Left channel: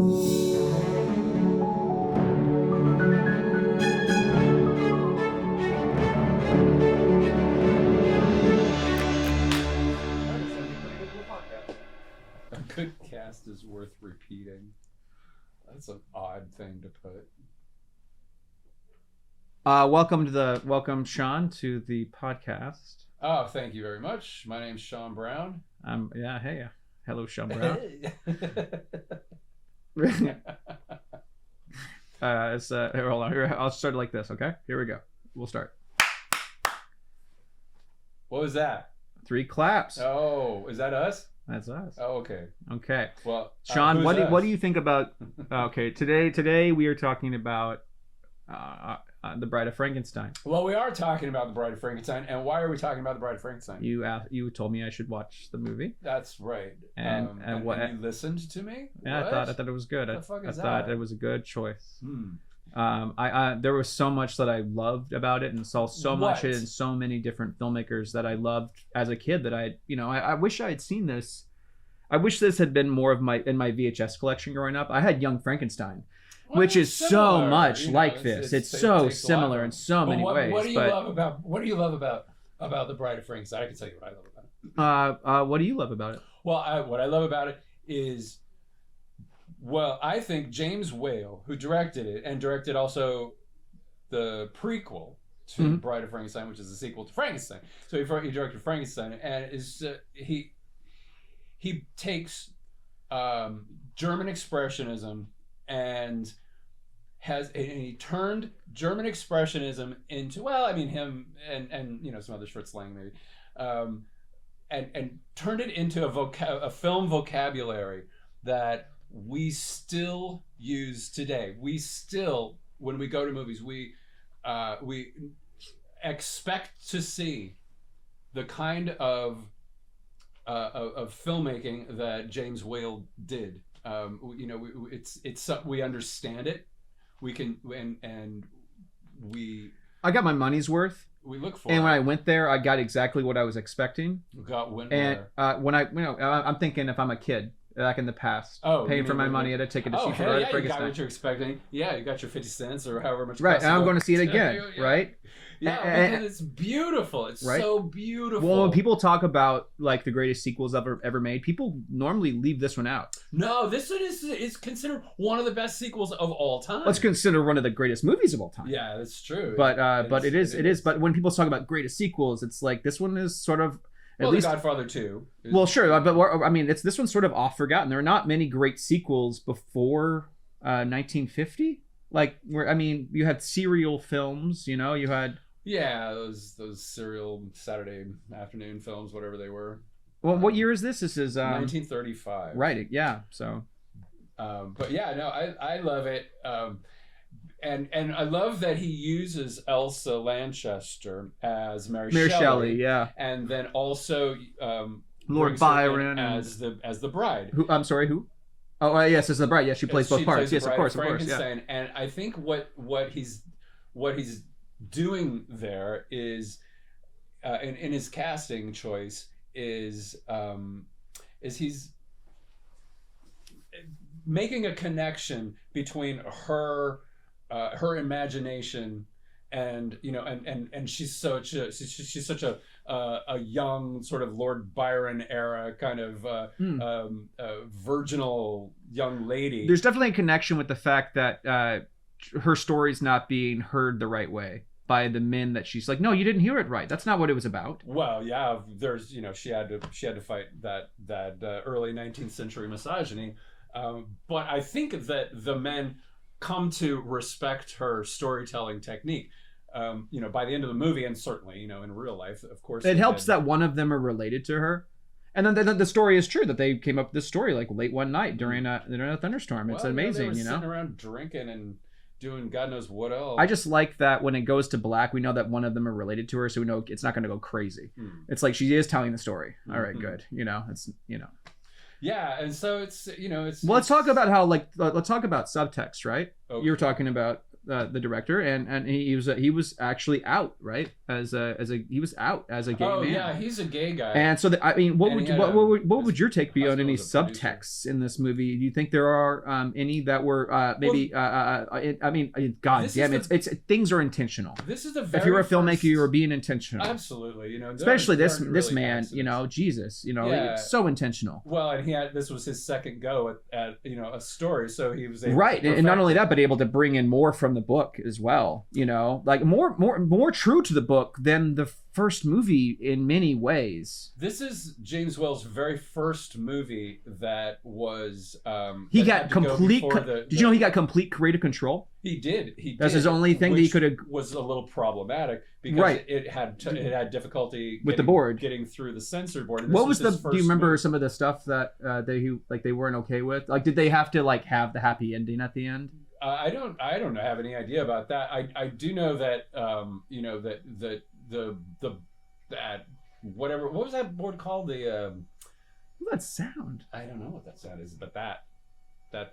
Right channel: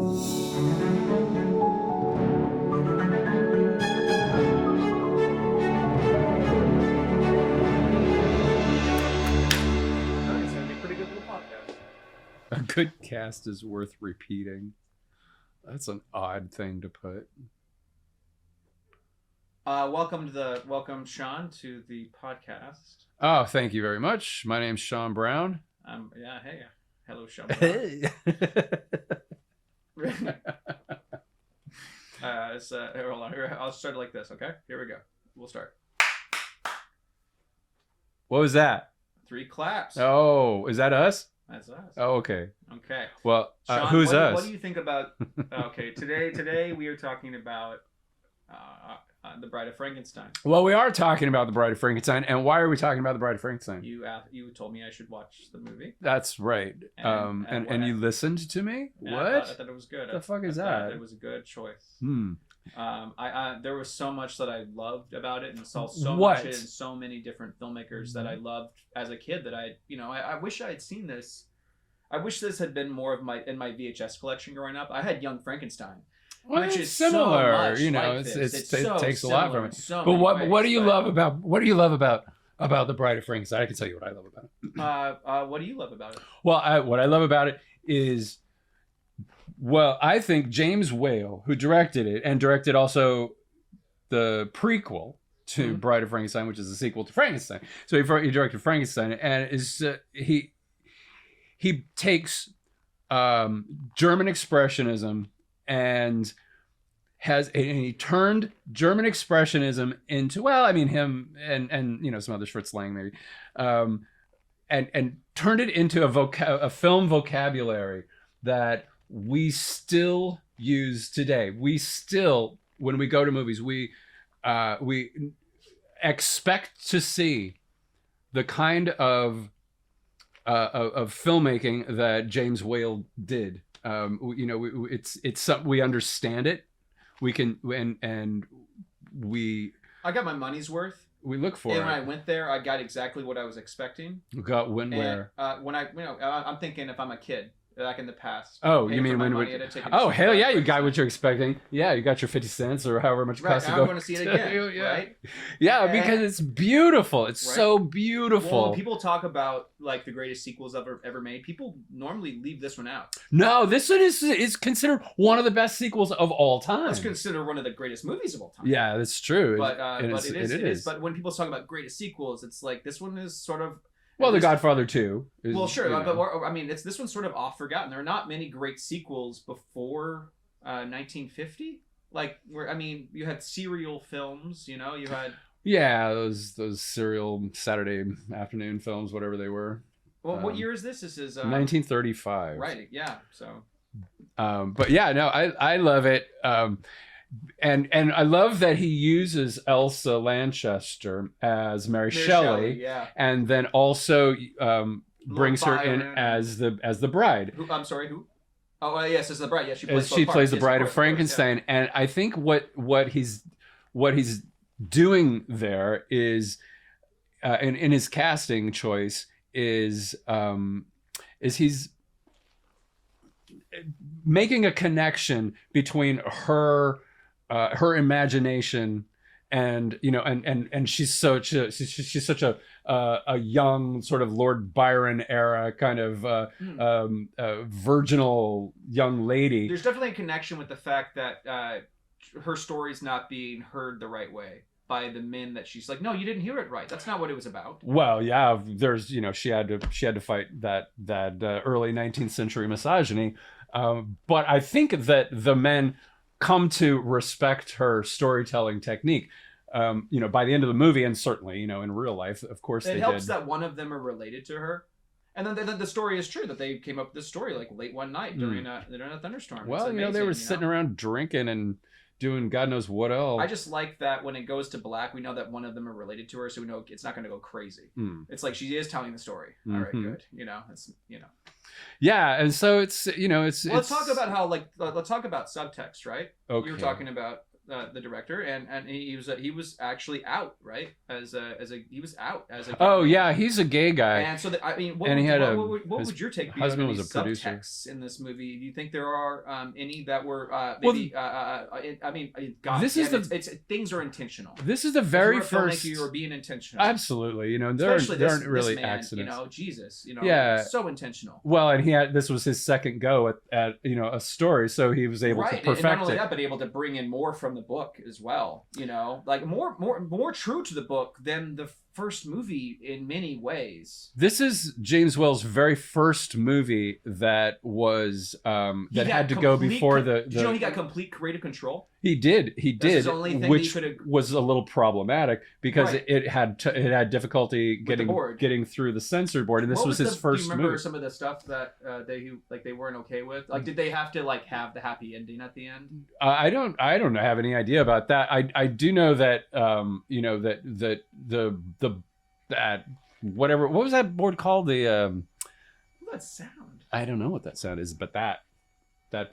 A good cast is worth repeating. That's an odd thing to put. Welcome Sean to the podcast. Oh, thank you very much. My name's Sean Brown. Hey. Hello, Sean Brown. Hey. Here, hold on. Here, I'll start it like this, okay? Here we go. We'll start. What was that? 3 claps. Oh, is that us? That's us. Oh, okay. Okay. Well, Sean, who's us? what do you think about? Okay, today we are talking about the Bride of Frankenstein. Well, we are talking about the Bride of Frankenstein, and why are we talking about the Bride of Frankenstein? You told me I should watch the movie. That's right. And you listened to me. Yeah, what? I thought it was good. What the fuck is I that? thought it was a good choice. There was so much that I loved about it, and saw so much in so many different filmmakers that I loved as a kid. That I wish I had seen this. I wish this had been more of my VHS collection growing up. I had Young Frankenstein, which is similar, so much like this. It's so similar in so many ways. What do you love about the Bride of Frankenstein? I can tell you what I love about it. What do you love about it? Well, what I love about it is, I think James Whale, who directed it and directed also the prequel to Bride of Frankenstein, which is a sequel to Frankenstein. So he directed Frankenstein, and he takes German expressionism and he turned German expressionism into, him and some others, Fritz Lang maybe, and turned it into a film vocabulary that we still use today. We still, when we go to movies, we expect to see the kind of filmmaking that James Whale did. We understand it. We can I got my money's worth. We look for and it. when I went there, I got exactly what I was expecting. Where? I'm thinking if I'm a kid back in the past, paying for my money at a ticket. Oh hell yeah, you got what you're expecting. Yeah, you got your 50 cents or however much. Right, and I'm going to see it again. Yeah. Right. Yeah, because it's beautiful. It's so beautiful. Well, when people talk about like the greatest sequels ever made, people normally leave this one out. No, this one is considered one of the best sequels of all time. Let's consider one of the greatest movies of all time. Yeah, that's true. But it is. But when people talk about greatest sequels, it's like this one is sort of. Well, The Godfather 2. Well, sure, but this one's sort of off forgotten. There are not many great sequels before 1950. You had serial films. You had those serial Saturday afternoon films, whatever they were. Well, what year is this? This is 1935. Right. Yeah. So. But yeah, no, I love it. And I love that he uses Elsa Lanchester as Mary Shelley, yeah, and then also brings her in as the bride. Who? I'm sorry, who? Oh, yes, as the bride. Yes, she plays both parts. Plays the yes, Bride of Frankenstein, yeah. And I think what he's doing there is, in his casting choice is he's making a connection between her imagination and she's such a young sort of Lord Byron era kind of virginal young lady. There's definitely a connection with the fact that her story's not being heard the right way by the men that she's like, no, you didn't hear it right. That's not what it was about. Well, yeah, there's she had to fight that early 19th century misogyny, but I think that the men come to respect her storytelling technique, by the end of the movie, and certainly, in real life, of course. It helps that one of them are related to her, and then the story is true that they came up with this story like late one night during a thunderstorm. Well, it's amazing. They were sitting around drinking and doing God knows what else. I just like that when it goes to black, we know that one of them are related to her, so we know it's not going to go crazy. It's like she is telling the story. All right, good. It's. Yeah, and so it's. Well, let's talk about how let's talk about subtext, right? Okay. You were talking about the director, and he was actually out, right, he was out as a gay Oh man. yeah, he's a gay guy. And so I mean, what would your take be on any producer. subtexts in this movie? Do you think there are any that were maybe? I mean, God, it's things are intentional. This is the very if you're a filmmaker, you're being intentional. Absolutely, especially this really man, accidents. Jesus, yeah, so intentional. Well, and this was his second go at a story, so he was able to perfect and not only it. that, but able to bring in more from the book as well. Like more true to the book than the first movie in many ways. This is James Whale's very first movie that was he had to go before the. Did you know he got complete creative control? He did. That's his only thing. Which he could have was a little problematic because it had difficulty with the board getting through the censor board. And this what was his first. Do you remember movie. Some of the stuff that they weren't okay with? Like, did they have to have the happy ending at the end? I don't have any idea about that. I do know that that whatever, what was that board called? What's that sound? I don't know what that sound is, but that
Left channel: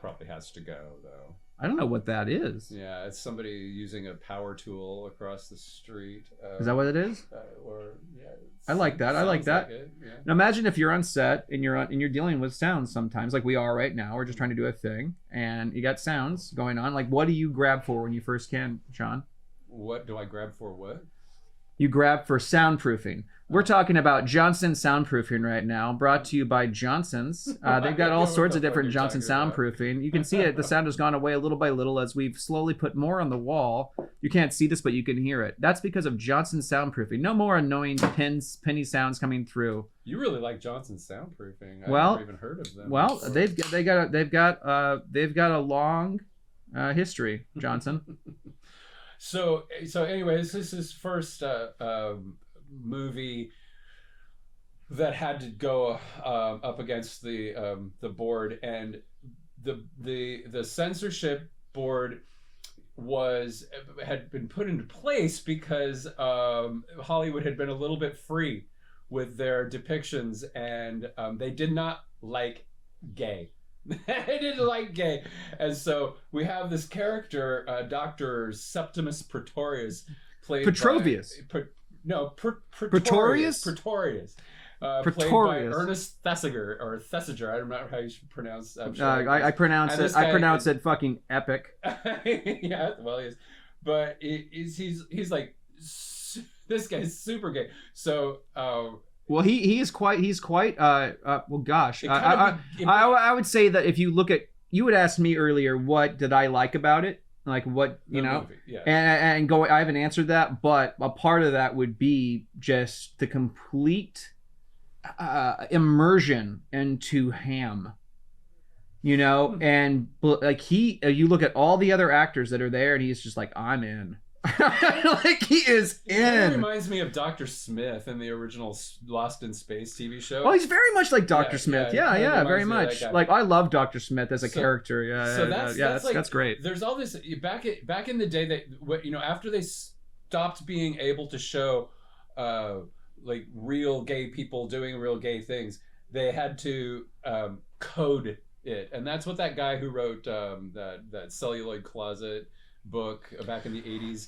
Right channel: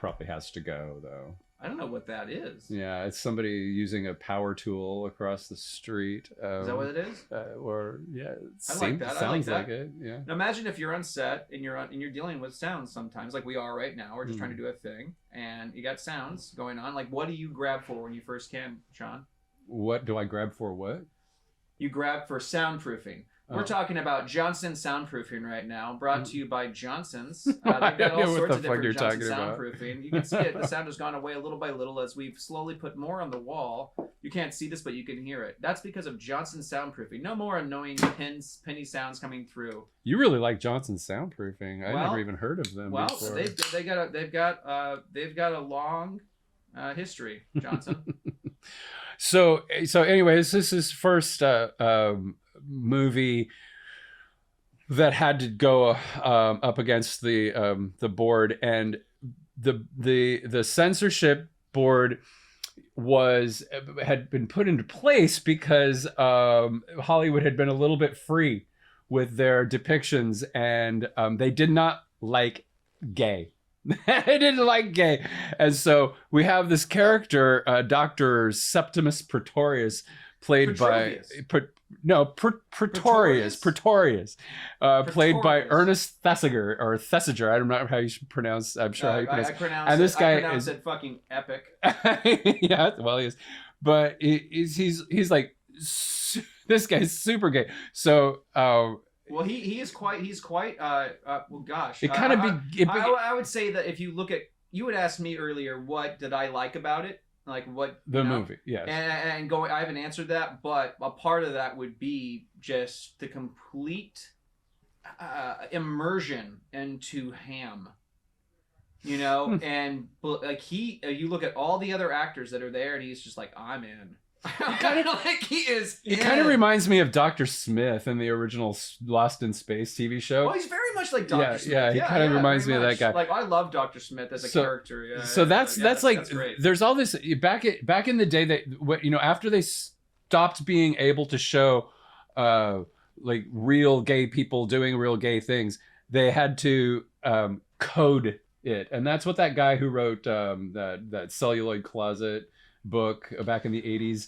probably has to go though. I don't know what that is. Yeah, it's somebody using a power tool across the street. Is that what it is? I like that. I like that. Like yeah. Now imagine if you're on set and you're dealing with sounds sometimes, like we are right now. We're just trying to do a thing, and you got sounds going on. Like, what do you grab for when you first can, Sean? What do I grab for? What? You grab for soundproofing. We're talking about Johnson soundproofing right now, brought to you by Johnson's. They've got all sorts of different Johnson soundproofing. You can see it. The sound has gone away little by little as we've slowly put more on the wall. You can't see this, but you can hear it. That's because of Johnson soundproofing. No more annoying penny sounds coming through. You really like Johnson soundproofing. I never even heard of them. Well, they've got a long history, Johnson. So anyways, this is his first movie that had to go up against the board, and the censorship board had been put into place because Hollywood had been a little bit free with their depictions, and they did not like gay. They didn't like gay, and so we have this character, Dr. Septimus Pretorius, played Petrovius. Pretorius, played by Ernest Thesiger or Thesiger. I don't know how you should pronounce. I'm sure I pronounce it fucking epic. Yeah, well, he is, but he's like this guy's super gay. So. Well, he's quite well, gosh. I would say that if you look at, you would ask me earlier, what did I like about it? Like what, the movie, yeah. And I haven't answered that, but a part of that would be just the complete immersion into Ham. And like you look at all the other actors that are there, and he's just like, I'm in. Kind of like he is. It kind of reminds me of Dr. Smith in the original Lost in Space TV show. Well, he's very much like Dr. Smith. Yeah, reminds very me much. of that guy. Like, I love Dr. Smith as a character. Yeah. So that's like, that's great. There's all this back in the day that after they stopped being able to show like real gay people doing real gay things, they had to code it, and that's what that guy who wrote that Celluloid Closet book back in the 80s,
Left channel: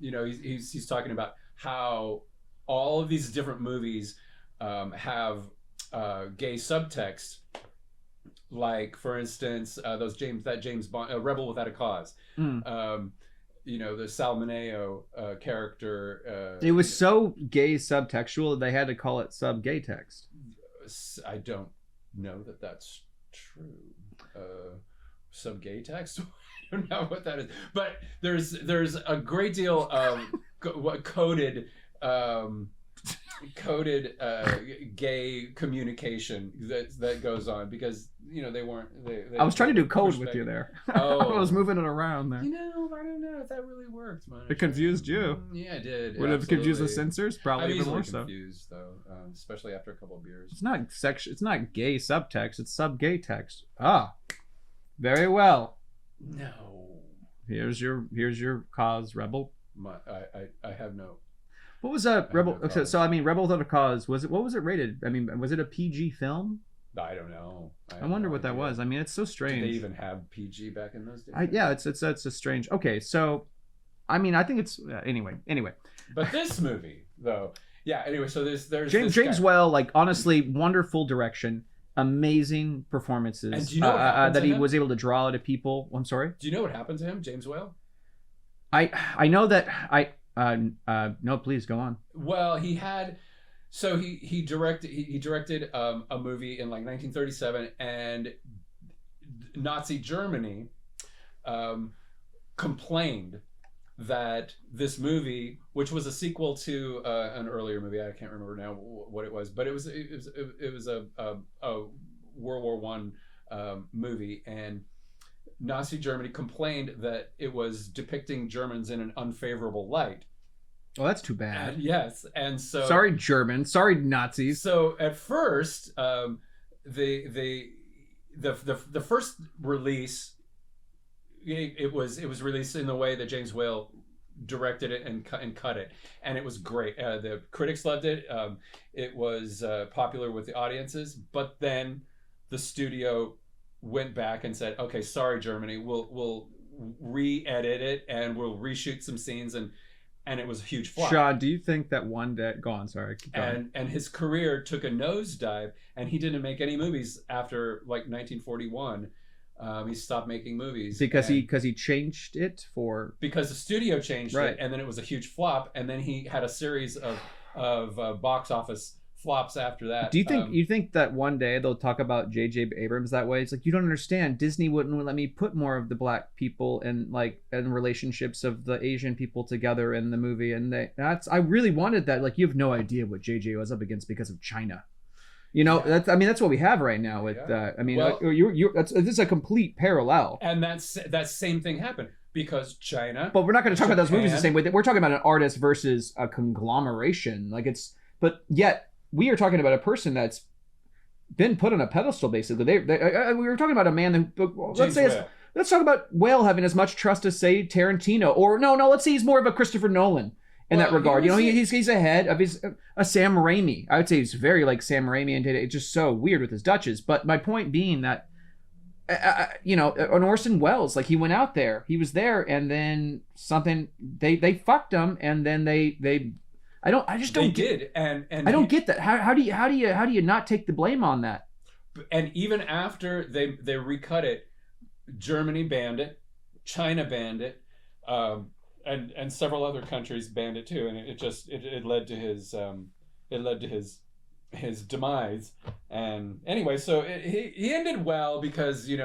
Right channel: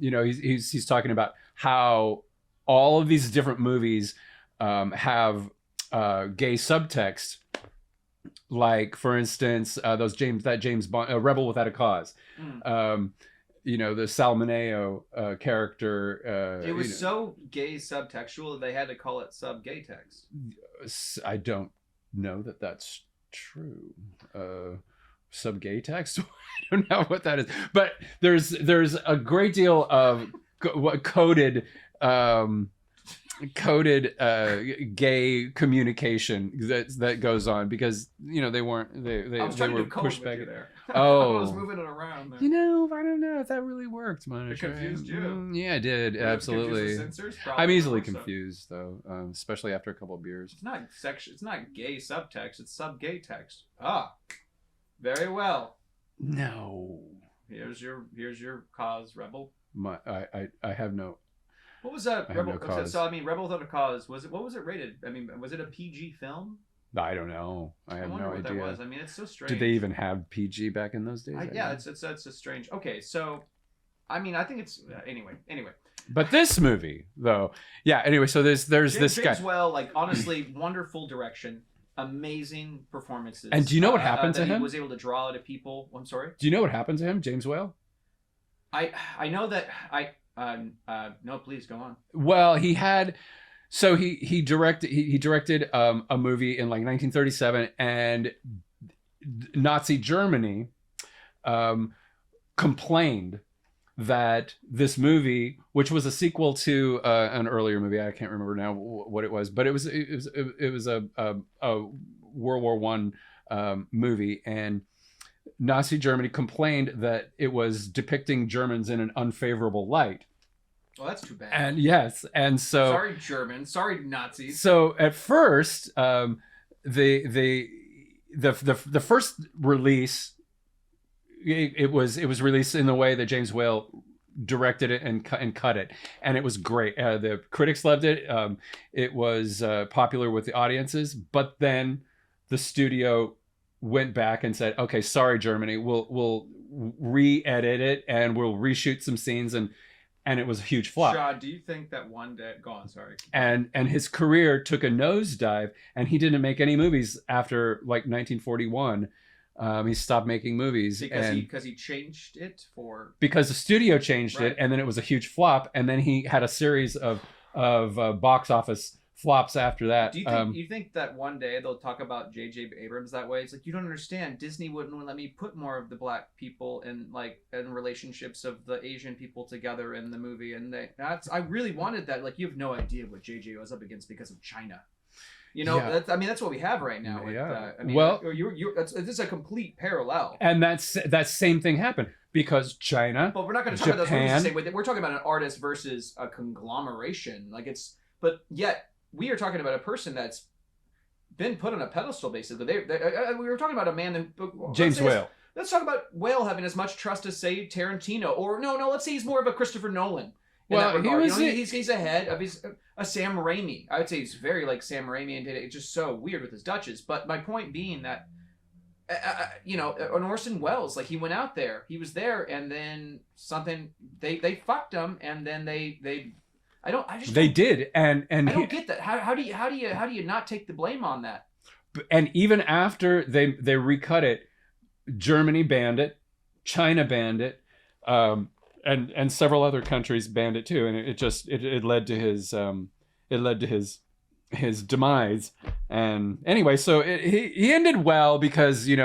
he's talking about how all of these different movies have gay subtext, like for instance that James Bond Rebel Without a Cause. The Salmoneo character, it was so gay subtextual they had to call it sub-gay text. I don't know that that's true. Sub-gay text? I don't know what that is, but there's a great deal of coded gay communication that goes on, because they weren't. I was trying to do code with you there. Oh, I was moving it around there. I don't know if that really worked, man. It confused you. Yeah, it did. Would it confuse the censors? Probably. I'm easily confused though, especially after a couple of beers. It's not It's not gay subtext. It's sub-gay text. Ah, very well. No. Here's your cause, Rebel. I have no. What was that Rebel? Okay, so I mean, Rebel Without a Cause, what was it rated? I mean, was it a PG film? I don't know. I wonder what that was. I mean, it's so strange. Did they even have PG back in those days? Yeah, it's a strange. Okay, so, I mean, I think it's anyway. But this movie, though, yeah. Anyway, so there's this James guy. Whale, like honestly, wonderful direction, amazing performances. And do you know what happened to that him? he was able to draw out of people? I'm sorry. Do you know what happened to him, James Whale? I know that no, please go on. Well, he had. So he directed a movie in like 1937, and Nazi Germany complained that this movie, which was a sequel to an earlier movie, I can't remember now what it was, but it was a World War One movie, and Nazi Germany complained that it was depicting Germans in an unfavorable light. Well, that's too bad. And yes, and so sorry Germans, sorry Nazis. So at first, the first release, it was released in the way that James Whale directed it and cut it, and it was great. The critics loved it. It was popular with the audiences, but then the studio went back and said, "Okay, sorry, Germany, we'll re-edit it and we'll reshoot some scenes," and it was a huge flop. Sean, do you think that one day... Go on, sorry. And his career took a nosedive, and he didn't make any movies after like 1941. He stopped making movies because he changed it because the studio changed right. it, and then it was a huge flop, and then he had a series of box office flops after that. Do you think that one day they'll talk about J.J. Abrams that way? It's like, you don't understand. Disney wouldn't let me put more of the black people and relationships of the Asian people together in the movie, and I really wanted that. Like, you have no idea what J.J. was up against because of China. You know, yeah. That's what we have right now. With this is a complete parallel. And that same thing happened because China. But we're not going to talk about those movies the same way. We're talking about an artist versus a conglomeration. But yet we are talking about a person that's been put on a pedestal. Basically, we were talking about a man who James Whale. Let's talk about Whale having as much trust as, say, Tarantino, or no. Let's say he's more of a Christopher Nolan. In that regard, he's ahead of a Sam Raimi. I would say he's very like Sam Raimi, and it's just so weird with his Dutches. But my point being that, an Orson Welles, like, he went out there, he was there, and then something they fucked him, and then they I don't get that. How do you not take the blame on that? And even after they recut it, Germany banned it, China banned it. And several other countries banned it too, and it led to his demise. And anyway, so he ended well because he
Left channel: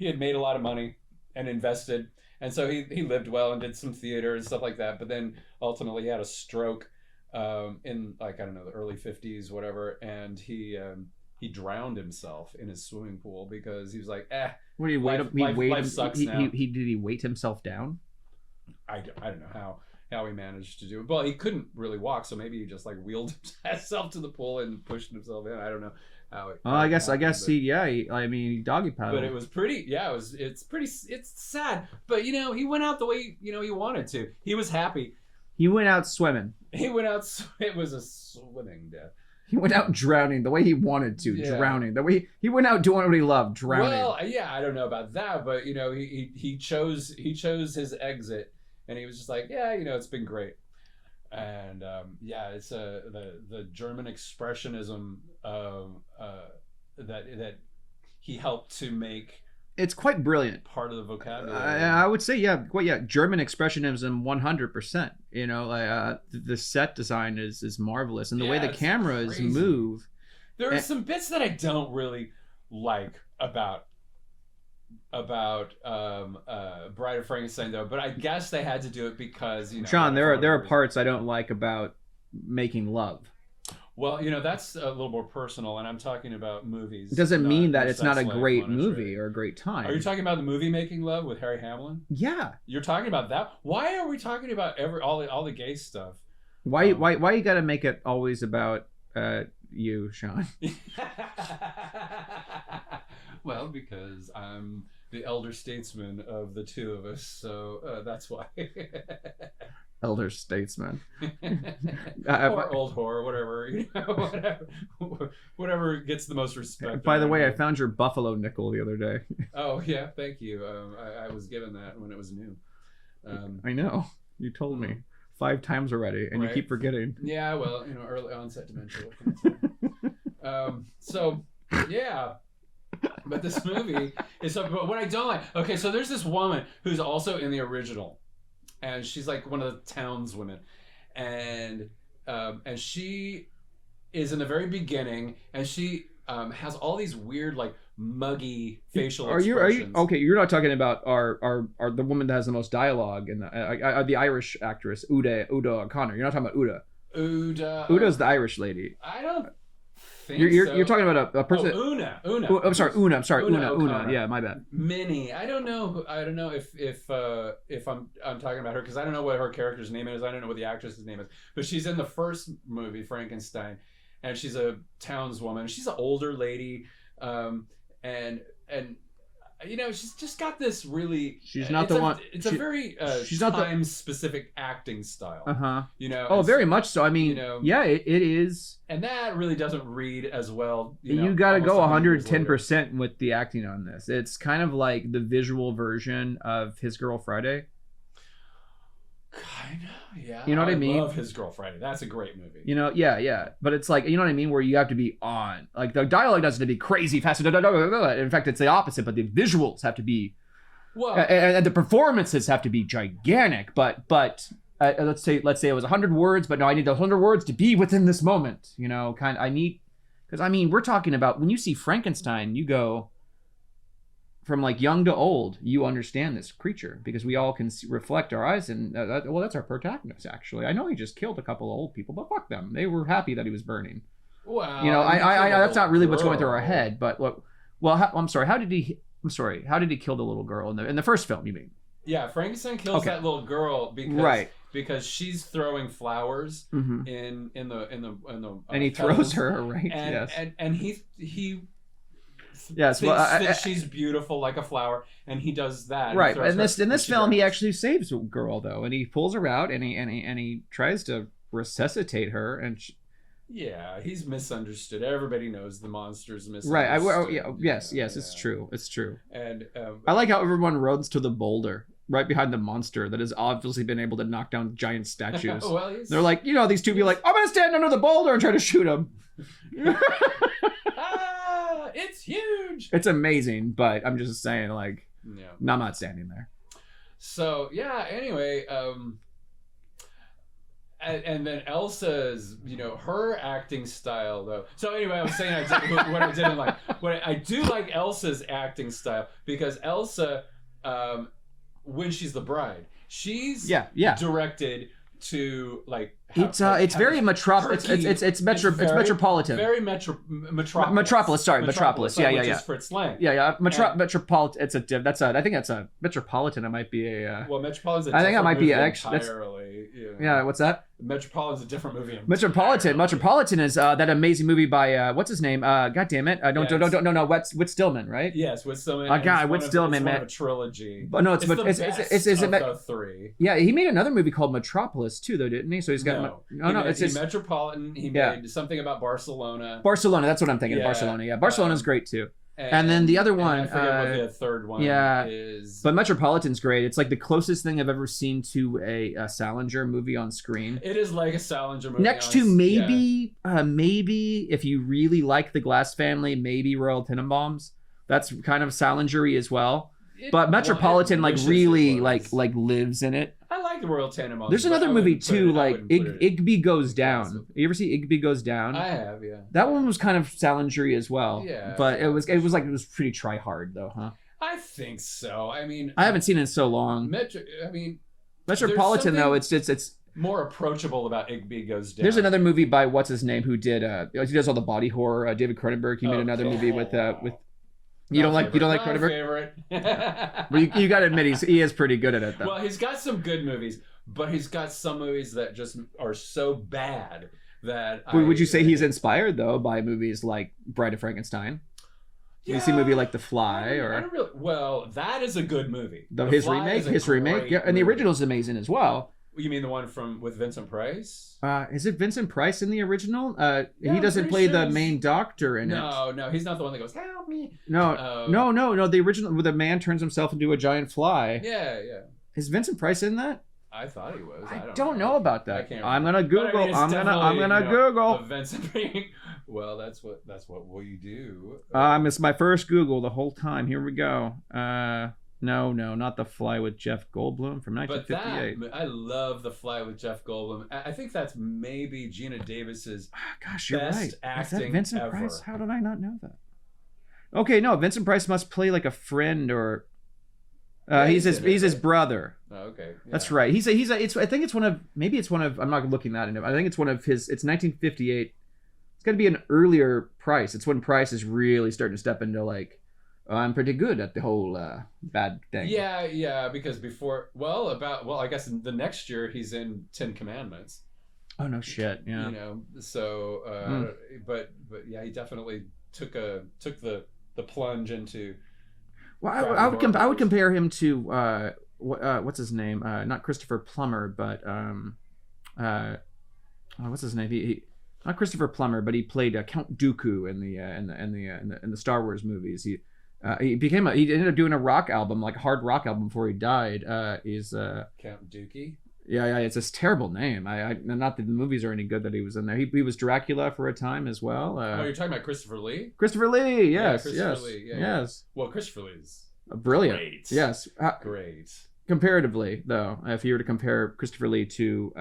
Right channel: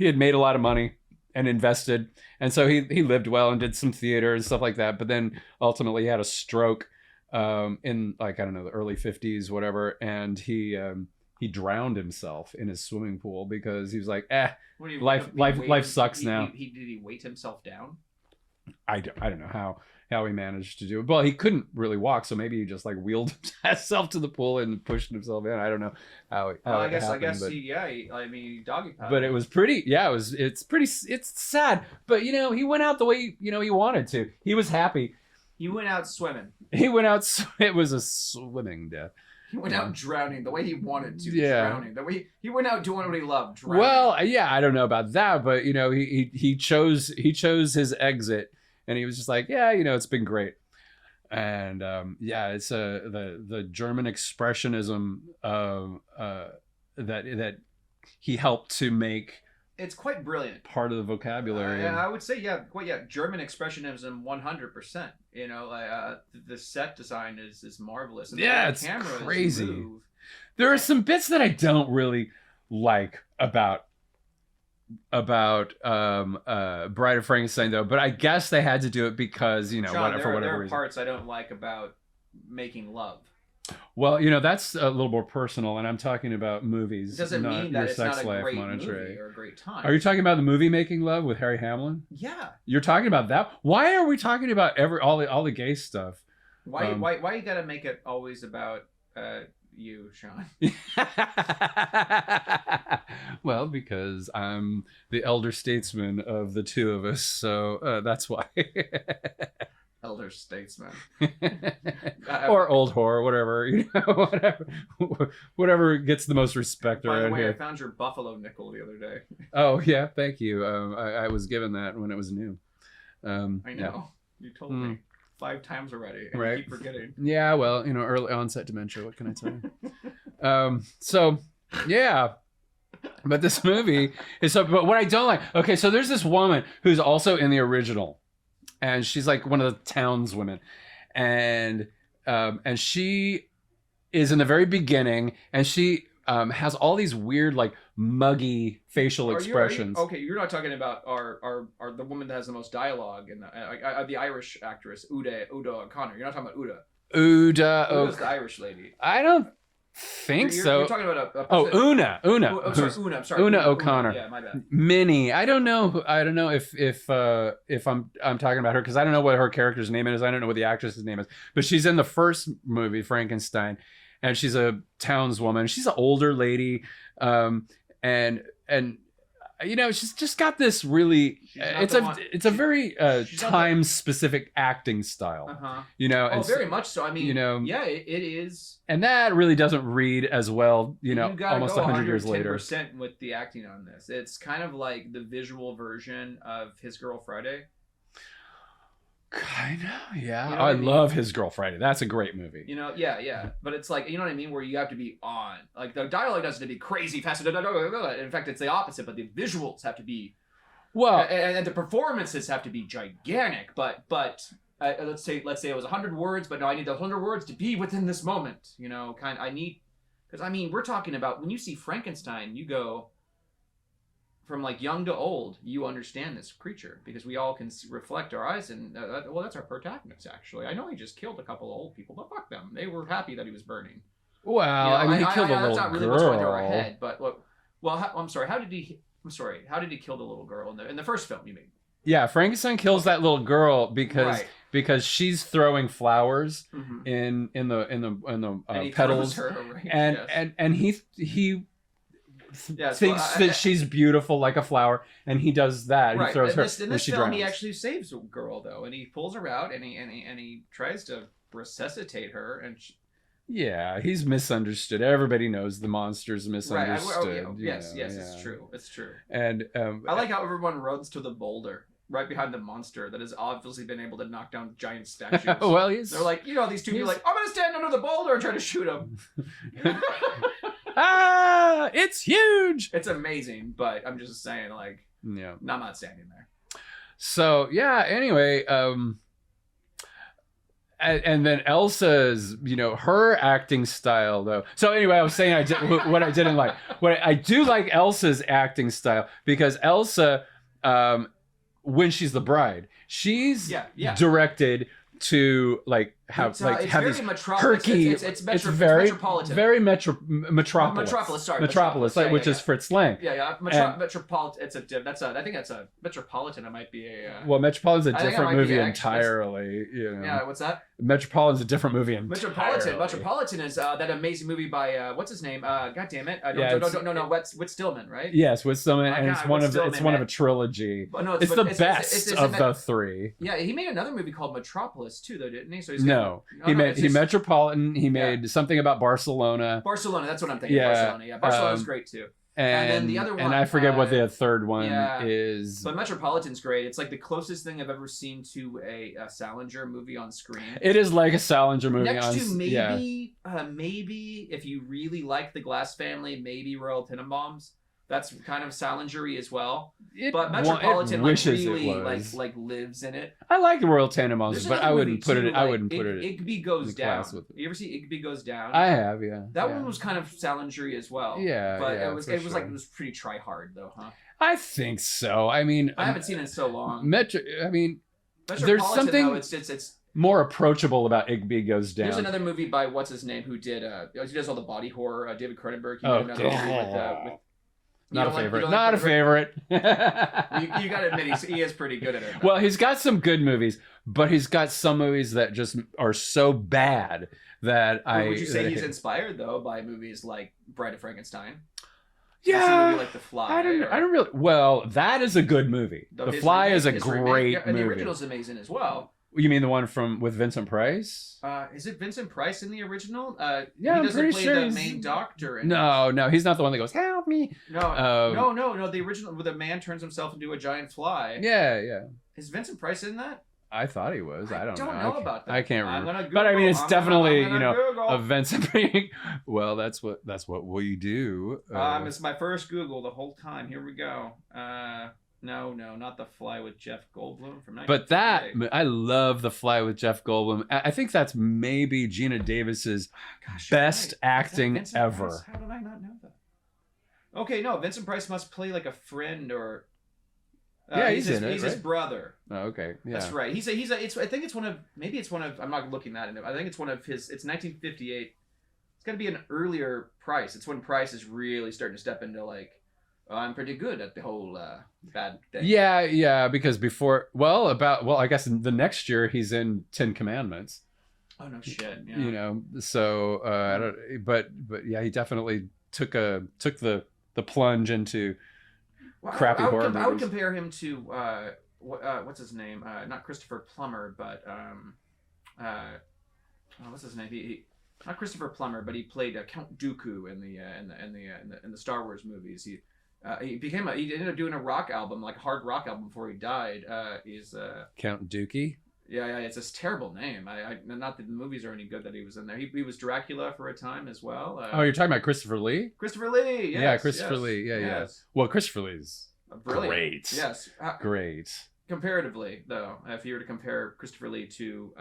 had made a lot of money and invested, and so he lived well and did some theater and stuff like that. But then ultimately he had a stroke in, like, I don't know, the early 50s, whatever, and he drowned himself in his swimming pool because he was like, life sucks now. Did he weight himself down? I don't know how he managed to do it. Well, he couldn't really walk, so maybe he just like wheeled himself to the pool and pushed himself in. I don't know how. I guess he doggy paddled. But it was pretty. Yeah, it's sad. But he went out the way he wanted to. He was happy. He went out swimming. It was a swimming death. He went out drowning the way he wanted to. Yeah. Drowning the way he went out doing what he loved. Drowning. Well, yeah, I don't know about that, but he chose his exit. And he was just like, yeah, it's been great. And it's the German expressionism that he helped to make. It's quite brilliant. Part of the vocabulary. I would say, German expressionism 100%. The set design is marvelous, and the way the cameras move. There are some bits that I don't really like about Bride of Frankenstein, though, but I guess they had to do it because John, there are parts I don't like about making love. Well, that's a little more personal, and I'm talking about movies. It doesn't mean that it's not a great movie or a great time. Are you talking about the movie Making Love with Harry Hamlin? Yeah, you're talking about that. Why are we talking about all the gay stuff? Why you got to make it always about you, Sean? Well, because I'm the elder statesman of the two of us, so that's why. elder statesman. Or old whore, whatever, whatever gets the most respect. By the way, here. I found your buffalo nickel the other day. Oh yeah, thank you. I was given that when it was new. I know. You told me 5 times already, and you keep forgetting. Yeah, well, early onset dementia. What can I tell you? So yeah. But this movie is so. But what I don't like. Okay, so there's this woman who's also in the original, and she's like one of the townswomen, and she is in the very beginning, and she has all these weird like muggy facial expressions. Okay, you're not talking about our the woman that has the most dialogue and the Irish actress Uda O'Connor. You're not talking about Uda. Uda's the Irish lady. I don't think so. You're talking about a person. Una. Oh, I'm sorry, Una O'Connor. Yeah, my bad. Minnie. I don't know if I'm talking about her because I don't know what her character's name is. I don't know what the actress's name is. But she's in the first movie, Frankenstein, and she's a townswoman. She's an older lady, and she's just got this really. It's a very time specific acting style. Very much so. I mean, yeah, it is. And that really doesn't read as well. You got to go 110% with the acting on this. It's kind of like the visual version of His Girl Friday. Kind of, yeah. I love His Girl Friday. That's a great movie. Yeah. But it's like, you know what I mean? Where you have to be on. Like, the dialogue doesn't have to be crazy, fast. In fact, it's the opposite, but the visuals have to be... Well... And the performances have to be gigantic, but let's say it was 100 words, but no, I need those 100 words to be within this moment. Because, I mean, we're talking about... When you see Frankenstein, you go... From like young to old, you understand this creature because we all can reflect our eyes and that's our protagonist. Actually, I know he just killed a couple of old people, but fuck them. They were happy that he was burning. Well, that's not really what's going through our head. But look, I'm sorry. How did he kill the little girl in the first film? You mean? Yeah, Frankenstein kills that little girl because she's throwing flowers in the and he throws her right. And he. Yes, she's beautiful like a flower, and he does that. Right. In this film, he actually saves a girl though, and he pulls her out, and he tries to resuscitate her, and yeah, he's misunderstood. Everybody knows the monster's misunderstood. Right. Yes, it's true. It's true. And I like how everyone runs to the boulder right behind the monster that has obviously been able to knock down giant statues. Well, they're like, these two be like, I'm gonna stand under the boulder and try to shoot him. It's huge. It's amazing, but I'm just saying, like, I'm not standing there. So yeah. Anyway, and then Elsa's, her acting style though. So anyway, I was saying what I didn't like. What I do like Elsa's acting style because Elsa, when she's the bride, she's directed to like it's very metropolitan. It's metropolitan. Very metropolis. Metropolis. Sorry, metropolis. Which is Fritz Lang. Metropolitan. I think that's a metropolitan. It might be a. Well, Metropolitan's a different movie entirely. Yeah. What's that? Metropolitan's a different movie entirely. Metropolitan is that amazing movie by what's his name? God damn it! No. Whit Stillman, right? Yes, Whit Stillman. It's one of a trilogy. But no, it's the best of the three. Yeah, he made another movie called Metropolis too, though, didn't he? So he's got he made Metropolitan. He made something about Barcelona. That's what I'm thinking. Barcelona. Yeah, Barcelona's great too. And then the other one, and I forget what the third one is. But Metropolitan's great. It's like the closest thing I've ever seen to a Salinger movie on screen. It is like a Salinger movie. Next to maybe if you really like The Glass Family, maybe Royal Tenenbaums. That's kind of Salinger-y as well. But Metropolitan really lives in it. I like the Royal Tenenbaums. There's another movie too, like Igby Goes Down. You ever see Igby Goes Down? I have, yeah. That one was kind of Salinger-y as well. Yeah, but it was pretty try hard though, huh? I think so. I mean, I haven't seen it in so long. Metropolitan though, it's more approachable about Igby Goes Down. There's another movie by what's his name who does all the body horror. David Cronenberg. He made another movie with. You don't like a favorite. You got to admit he is pretty good at it though. Well, he's got some good movies, but he's got some movies that just are so bad that would you say he's inspired though by movies like Bride of Frankenstein? Yeah, see a movie like The Fly. I don't really. Well, that is a good movie. The Fly is a great movie. And the original is amazing as well. You mean the one with Vincent Price? Is it Vincent Price in the original? Yeah, he doesn't play sure the main doctor in it. No, he's not the one that goes, help me. No. The original, where the man turns himself into a giant fly. Yeah. Is Vincent Price in that? I thought he was. I don't know about that. I can't remember. I'm gonna Google. But I mean, it's definitely I'm gonna Google. a Vincent. Well, that's what we do. It's my first Google the whole time. Here we go. No, not The Fly with Jeff Goldblum from 1958. But I love The Fly with Jeff Goldblum. I think that's maybe Gina Davis's best acting ever. Price? How did I not know that? Okay, no, Vincent Price must play like a friend or. He's his brother. Oh, okay, yeah. That's right. I think it's one of. I'm not looking that into. I think it's one of his. It's 1958. It's got to be an earlier Price. It's when Price is really starting to step into like. I'm pretty good at the whole bad thing. Yeah, because before, I guess the next year he's in 10 Commandments. Oh no shit! Yeah. So but yeah, he definitely took the plunge into. Well, I would compare him to what's his name? Not Christopher Plummer, but what's his name? He not Christopher Plummer, but he played Count Dooku in the Star Wars movies. He ended up doing a rock album, like a hard rock album, before he died. Is Count Dookie? Yeah, it's this terrible name. I not that the movies are any good that he was in there. He was Dracula for a time as well. You're talking about Christopher Lee? Christopher Lee, yes. Yeah, Christopher Lee. Yeah, yes. Well, Christopher Lee's brilliant. Great. Yes. Great. Comparatively, though, if you were to compare Christopher Lee to,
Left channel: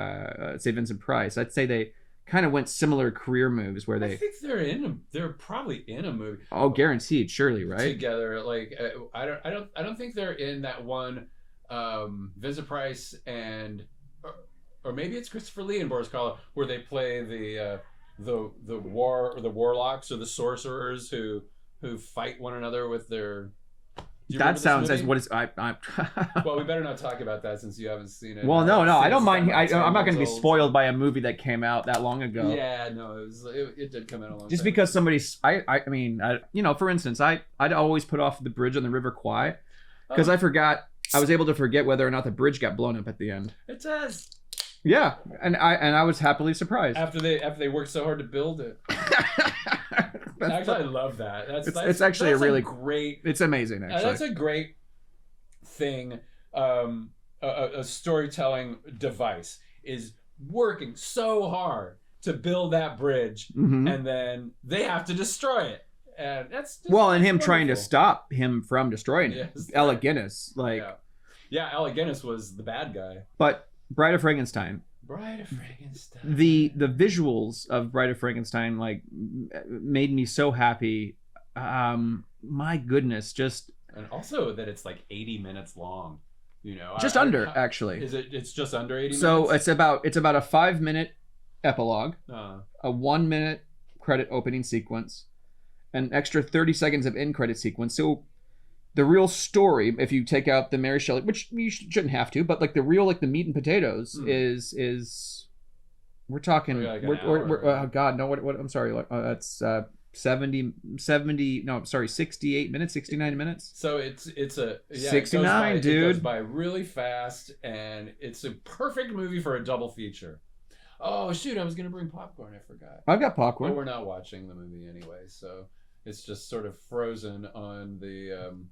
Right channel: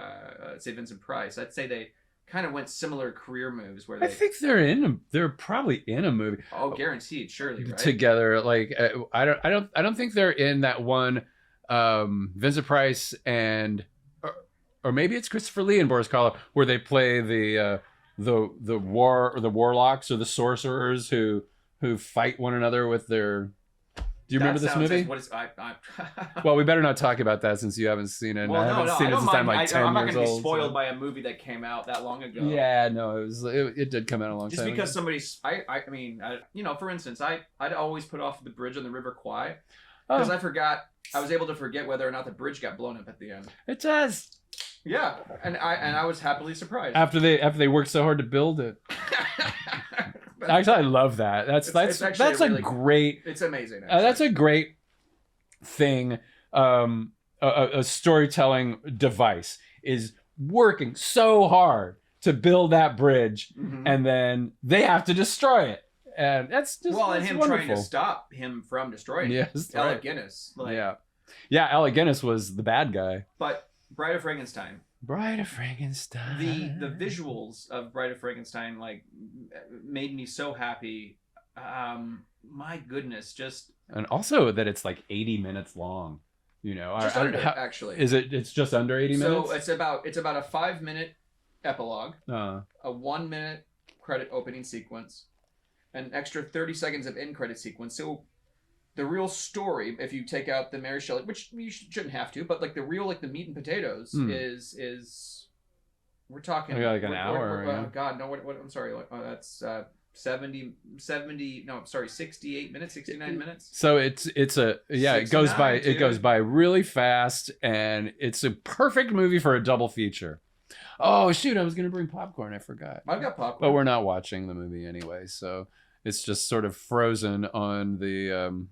say, Vincent Price, I'd say they kind of went similar career moves where they. I think they're probably in a movie. Oh, guaranteed, surely, right? Together, like I don't think they're in that one. Vincent Price and. Or maybe it's Christopher Lee and Boris Karloff, where they play the warlocks or the sorcerers who fight one another with their. Do you remember this movie? As what is I Well, we better not talk about that since you haven't seen it. Well, no, I don't mind. I'm not going to be spoiled by a movie that came out that long ago. Yeah, no, it did come out a long time. Just because somebody's, I mean, for instance, I'd always put off the bridge on the River Kwai because I was able to forget whether or not the bridge got blown up at the end. It does. Yeah, and I was happily surprised after they worked so hard to build it. Actually, I love that. That's actually really great. It's amazing. That's a great thing. A storytelling device is working so hard to build that bridge, and then they have to destroy it. And that's just, and him trying to stop him from destroying it. Alec Guinness, yeah, Alec Guinness was the bad guy, but. Bride of Frankenstein. The visuals of Bride of Frankenstein made me so happy. My goodness, and also that it's like 80 minutes long. Just under actually. Is it? It's just under 80 minutes. So it's about a 5-minute epilogue, a 1-minute credit opening sequence, an extra 30 seconds of end credit sequence. So. The real story, if you take out the Mary Shelley, which you shouldn't have to, but the meat and potatoes is we're talking. Like an hour, oh God, no! What? I'm sorry. That's 70. No, I'm sorry. 68 minutes, 69 minutes. So it goes by really fast, and it's a perfect movie for a double feature. Oh shoot! I was gonna bring popcorn. I forgot. I've got popcorn, but we're not watching the movie anyway, so it's just sort of frozen on the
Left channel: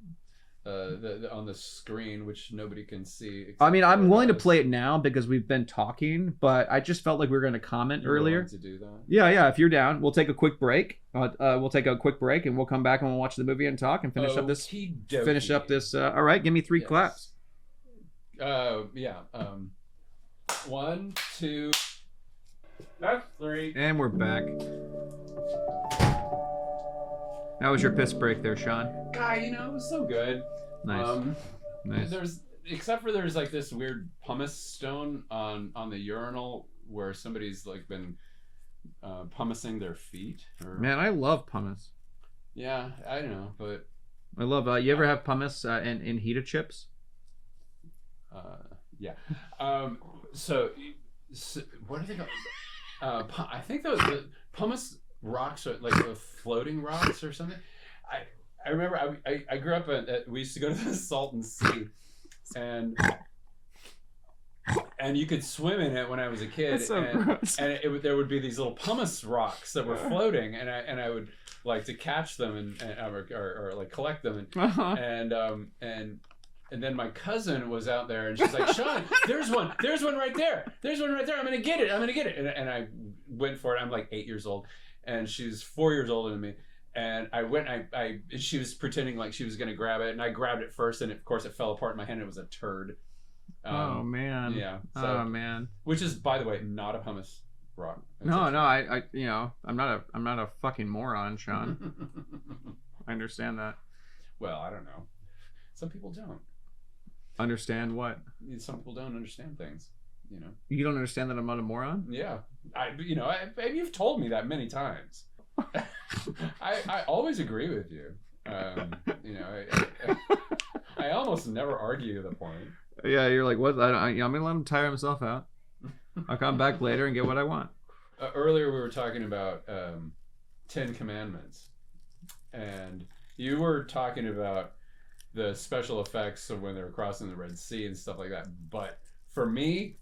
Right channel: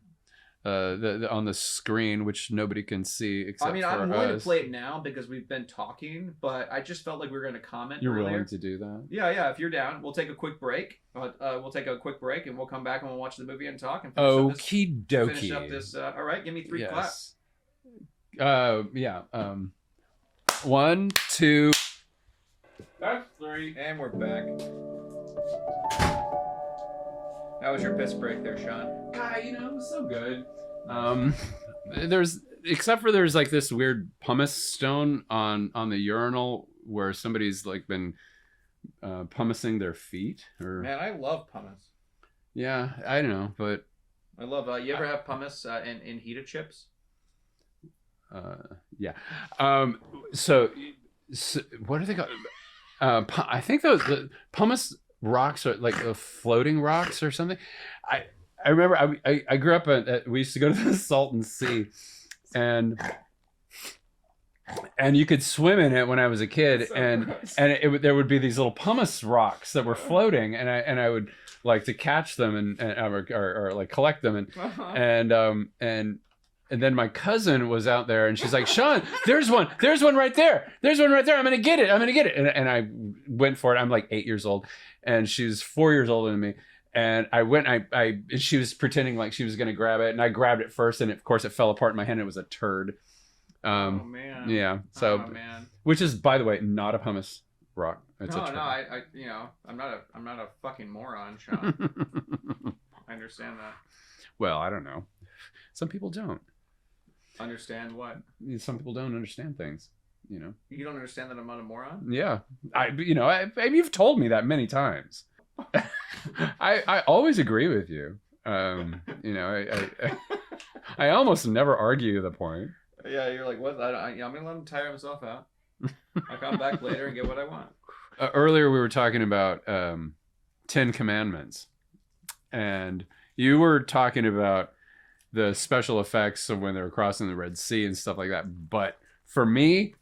on the screen, which nobody can see. I mean, I'm willing to play it now because we've been talking, but I just felt like we were going to comment earlier. Willing to do that? Yeah. If you're down, we'll take a quick break. We'll take a quick break, and we'll come back and we'll watch the movie and talk and finish up this. All right, give me 3 claps. Yeah. 1, 2. That's 3. And we're back. How was your piss break there, Sean? God, it was so good. Nice. There's like this weird pumice stone on the urinal where somebody's like been pumicing their feet. Man, I love pumice. Yeah, I know, but I love. You ever have pumice in Hita chips? Yeah. So what are they called? I think the pumice rocks are like floating rocks or something. I remember I grew up we used to go to the Salton Sea, and and you could swim in it when I was a kid, So and gross. there would be these little pumice rocks that were floating, and I would like to catch them or like collect them, and then my cousin was out there, and she's like, Sean, there's one right there, I'm gonna get it, and I went for it. I'm like 8 years old, and she's 4 years older than me. And I went, she was pretending like she was going to grab it, and I grabbed it first, and of course it fell apart in my hand. It was a turd. Oh man. Yeah. So, oh man. Which is, by the way, not a pumice rock. It's I I'm not a fucking moron, Sean. I understand that. Well, I don't know. Some people don't. Understand what? Some people don't understand things. You don't understand that I'm not a moron? Yeah. You've told me that many times. I always agree with you. I almost never argue the point. Yeah, you're like, what? I'm gonna let him tire himself out. I'll come back later and get what I want. Earlier we were talking about 10 Commandments, and you were talking about the special effects of when they were crossing the Red Sea and stuff like that. But for me,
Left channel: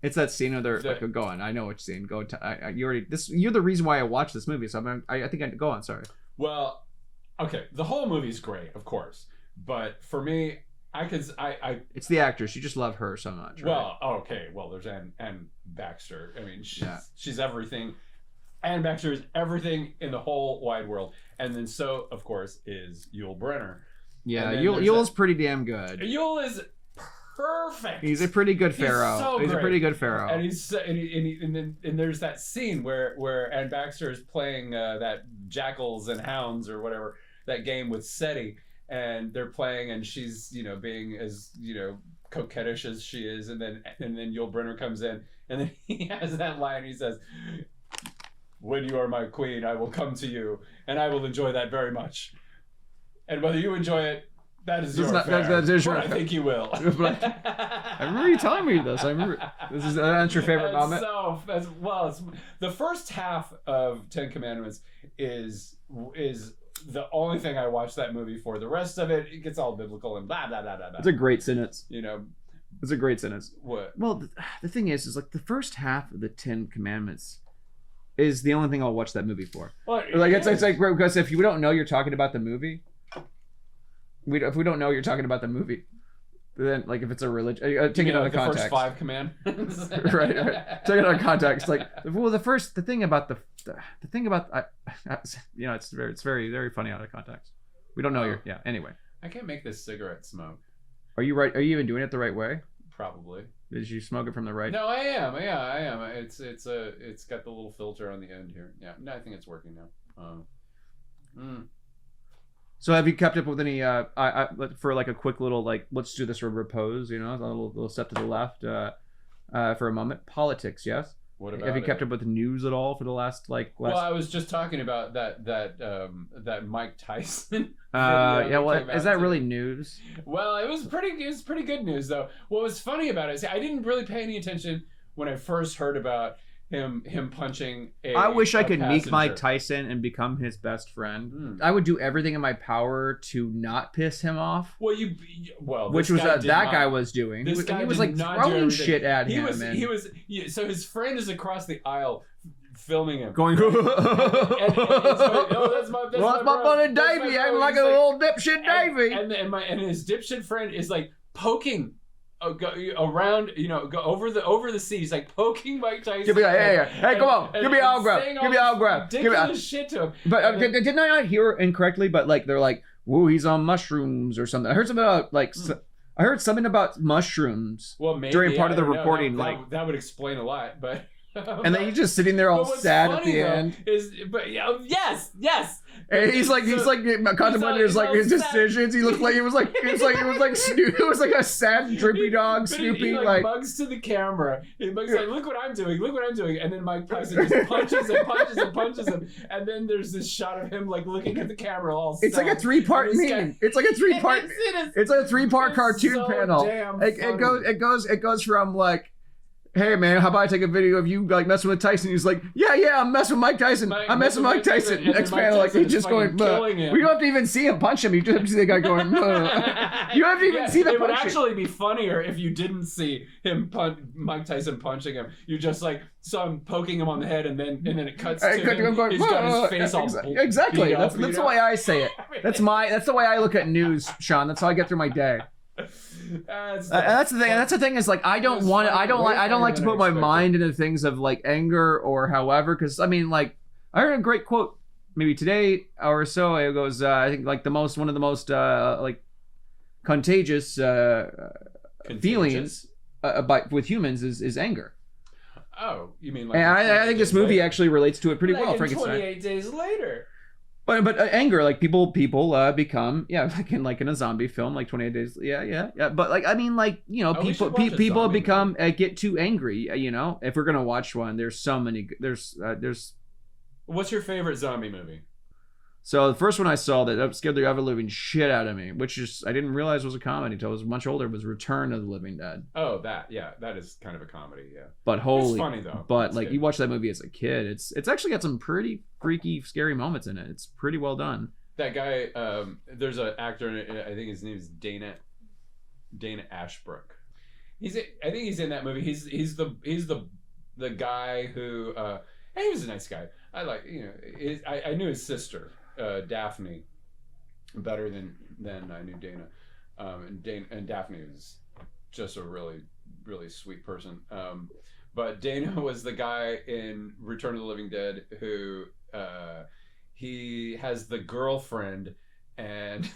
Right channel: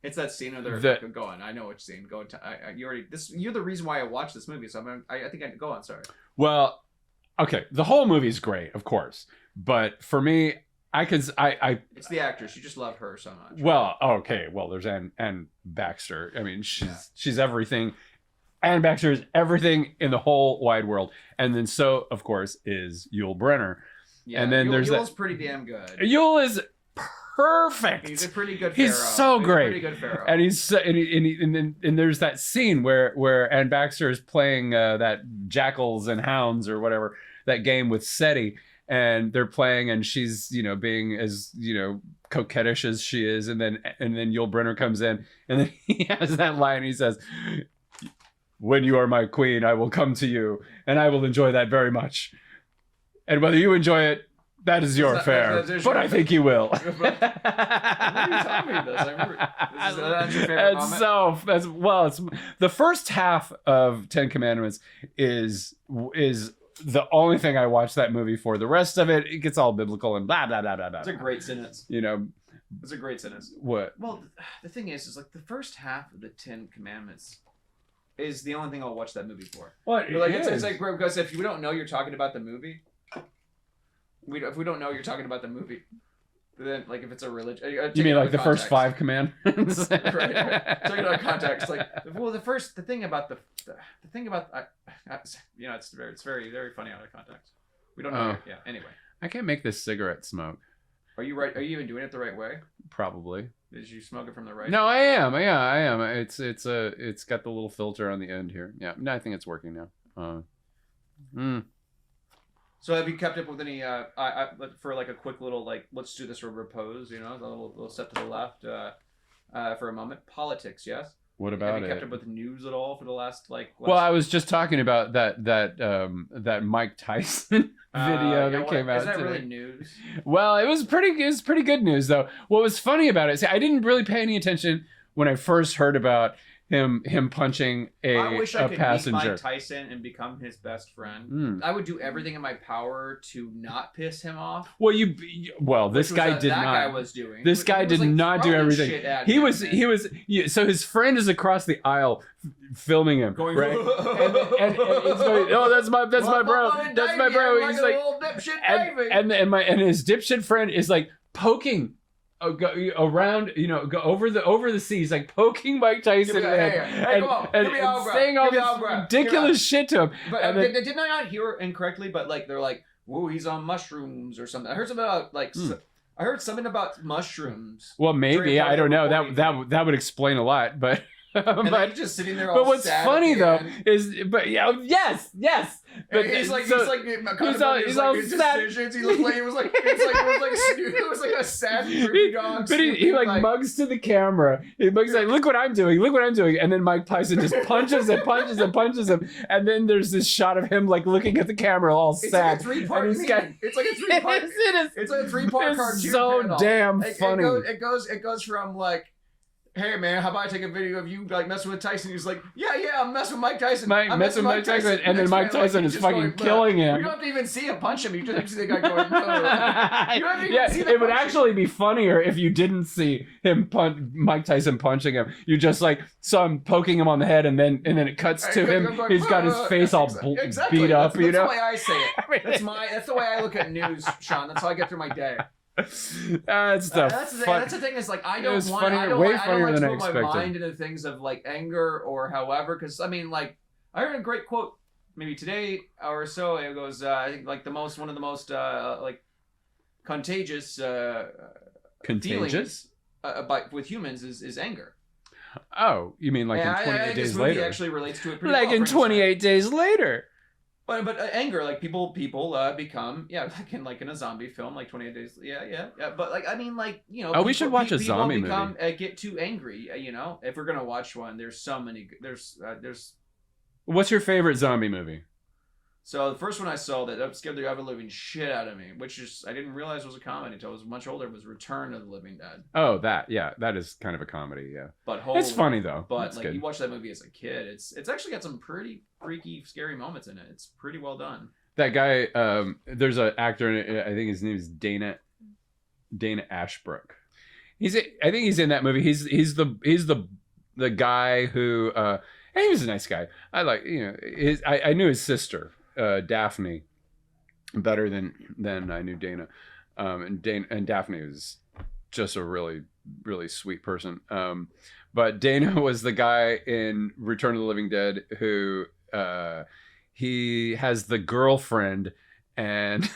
it's that scene of their go on. I know which scene. Go to you're the reason why I watched this movie. So I think I go on. Sorry. Well, okay, the whole movie's great, of course, but for me, it's the actress. You just love her so much. Right? Well, okay. Well, there's Anne Baxter. I mean, she's everything. Anne Baxter is everything in the whole wide world, and then so of course is Yul Brynner. Yeah, and then Yul's pretty damn good. Yul is perfect. He's a pretty good pharaoh. He's so great. He's a pretty good pharaoh. And and there's that scene where Anne Baxter is playing that Jackals and Hounds or whatever, that game with SETI, and they're playing, and she's being as coquettish as she is, and then Yul Brynner comes in, and then he has that line. He says, "When you are my queen, I will come to you, and I will enjoy that very much. And whether you enjoy it, that is your affair. But I think you will." I remember you telling me this. I remember. That's your favorite moment. It's the first half of 10 Commandments is the only thing I watched that movie for. The rest of it gets all biblical and blah blah blah blah blah. It's a great sentence. It's a great sentence. What? Well, the thing is like the first half of the 10 Commandments is the only thing I'll watch that movie for. Well, it's like because if you don't know you're talking about the movie. If we don't know you're talking about the movie, then like if it's a religion, you mean like the first 5 commandments, right? Take it out of context. Like, well, the thing about it's very very funny out of context. We don't know. Anyway, I can't make this cigarette smoke. Are you right? Are you even doing it the right way? Probably. Did you smoke it from the right? No, I am. Yeah, I am. It's got the little filter on the end here. Yeah, no, I think it's working now. So have you kept up with any for like a quick little like let's do this or repose, a little step to the left for a moment. Politics, yes. What about? Have you kept up with news at all for the last Well, I was just talking about that Mike Tyson video. Is that really news? Well, it was pretty good news though. What was funny about it? See, I didn't really pay any attention when I first heard about him punching I wish I could meet passenger. Mike Tyson and become his best friend. I would do everything in my power to not piss him off. Well, this guy did that not. Guy was doing. This guy did like not do everything. Shit at he him, was man. he was so his friend is across the aisle filming him, going right? and he's going, oh, that's my bro. That's my bro. I'm like a little dipshit Davey. And his dipshit friend is like poking. Around, go over the seat. He's like poking Mike Tyson. Hey, come on, give me autograph. Saying all this ridiculous shit to him. But didn't I not hear incorrectly? But like they're like, "Whoa, he's on mushrooms or something." I heard something about like. I heard something about mushrooms. Well, maybe I don't know. That would explain a lot, but. And then he's just sitting there all what's sad. Funny at the though end. is, yes. And he's contemplating his decisions. He looked like it was like it was like a sad drippy dog. But he like mugs to the camera. He mugs like, look what I'm doing, and then Mike Tyson just punches him, and then there's this shot of him like looking at the camera all sad. It's like a 3-part meme. It's like a 3-part. It's like a 3-part cartoon so panel. Damn funny. It goes from like. hey man, how about I take a video of you like messing with Tyson? He's like, yeah, I'm messing with Mike Tyson. I'm messing with Mike Tyson. And then Mike Tyson is fucking killing him. We don't have to even see him punch him. You just have to see the guy going. You don't have to even see the. It would actually be funnier if you didn't see him Mike Tyson punching him. You just like saw him poking him on the head, and then it cuts to him. Going, he's got his face all exactly. beat up. That's the way I say it. That's the way I look at news, Sean. That's how I get through my day. That's the thing. That's the thing is like I don't like to put my mind into things of like anger or however, because I mean like I heard a great quote maybe today or so. It goes I think like one of the most like contagious feelings with humans is anger. Oh, you mean like? I think this movie actually relates to it pretty well. Like in 28 Days Later. But anger, like people become like in a zombie film, like 28 Days, yeah. But like I mean, like people become get too angry. You know, if we're gonna watch one, there's so many. There's. What's your favorite zombie movie? So the first one I saw that scared the ever living shit out of me, which is I didn't realize was a comedy until I was much older. Was Return of the Living Dead. Oh, that is kind of a comedy, yeah. But it's funny though. But like good. You watch that movie as a kid, it's actually got some pretty freaky, scary moments in it. It's pretty well done. That guy, there's an actor in it. I think his name is Dana Ashbrook. I think he's in that movie. He's the guy who. And he was a nice guy. I like I knew his sister. Daphne better than I knew Dana, and Daphne was just a really really sweet person. But Dana was the guy in Return of the Living Dead who he has the girlfriend and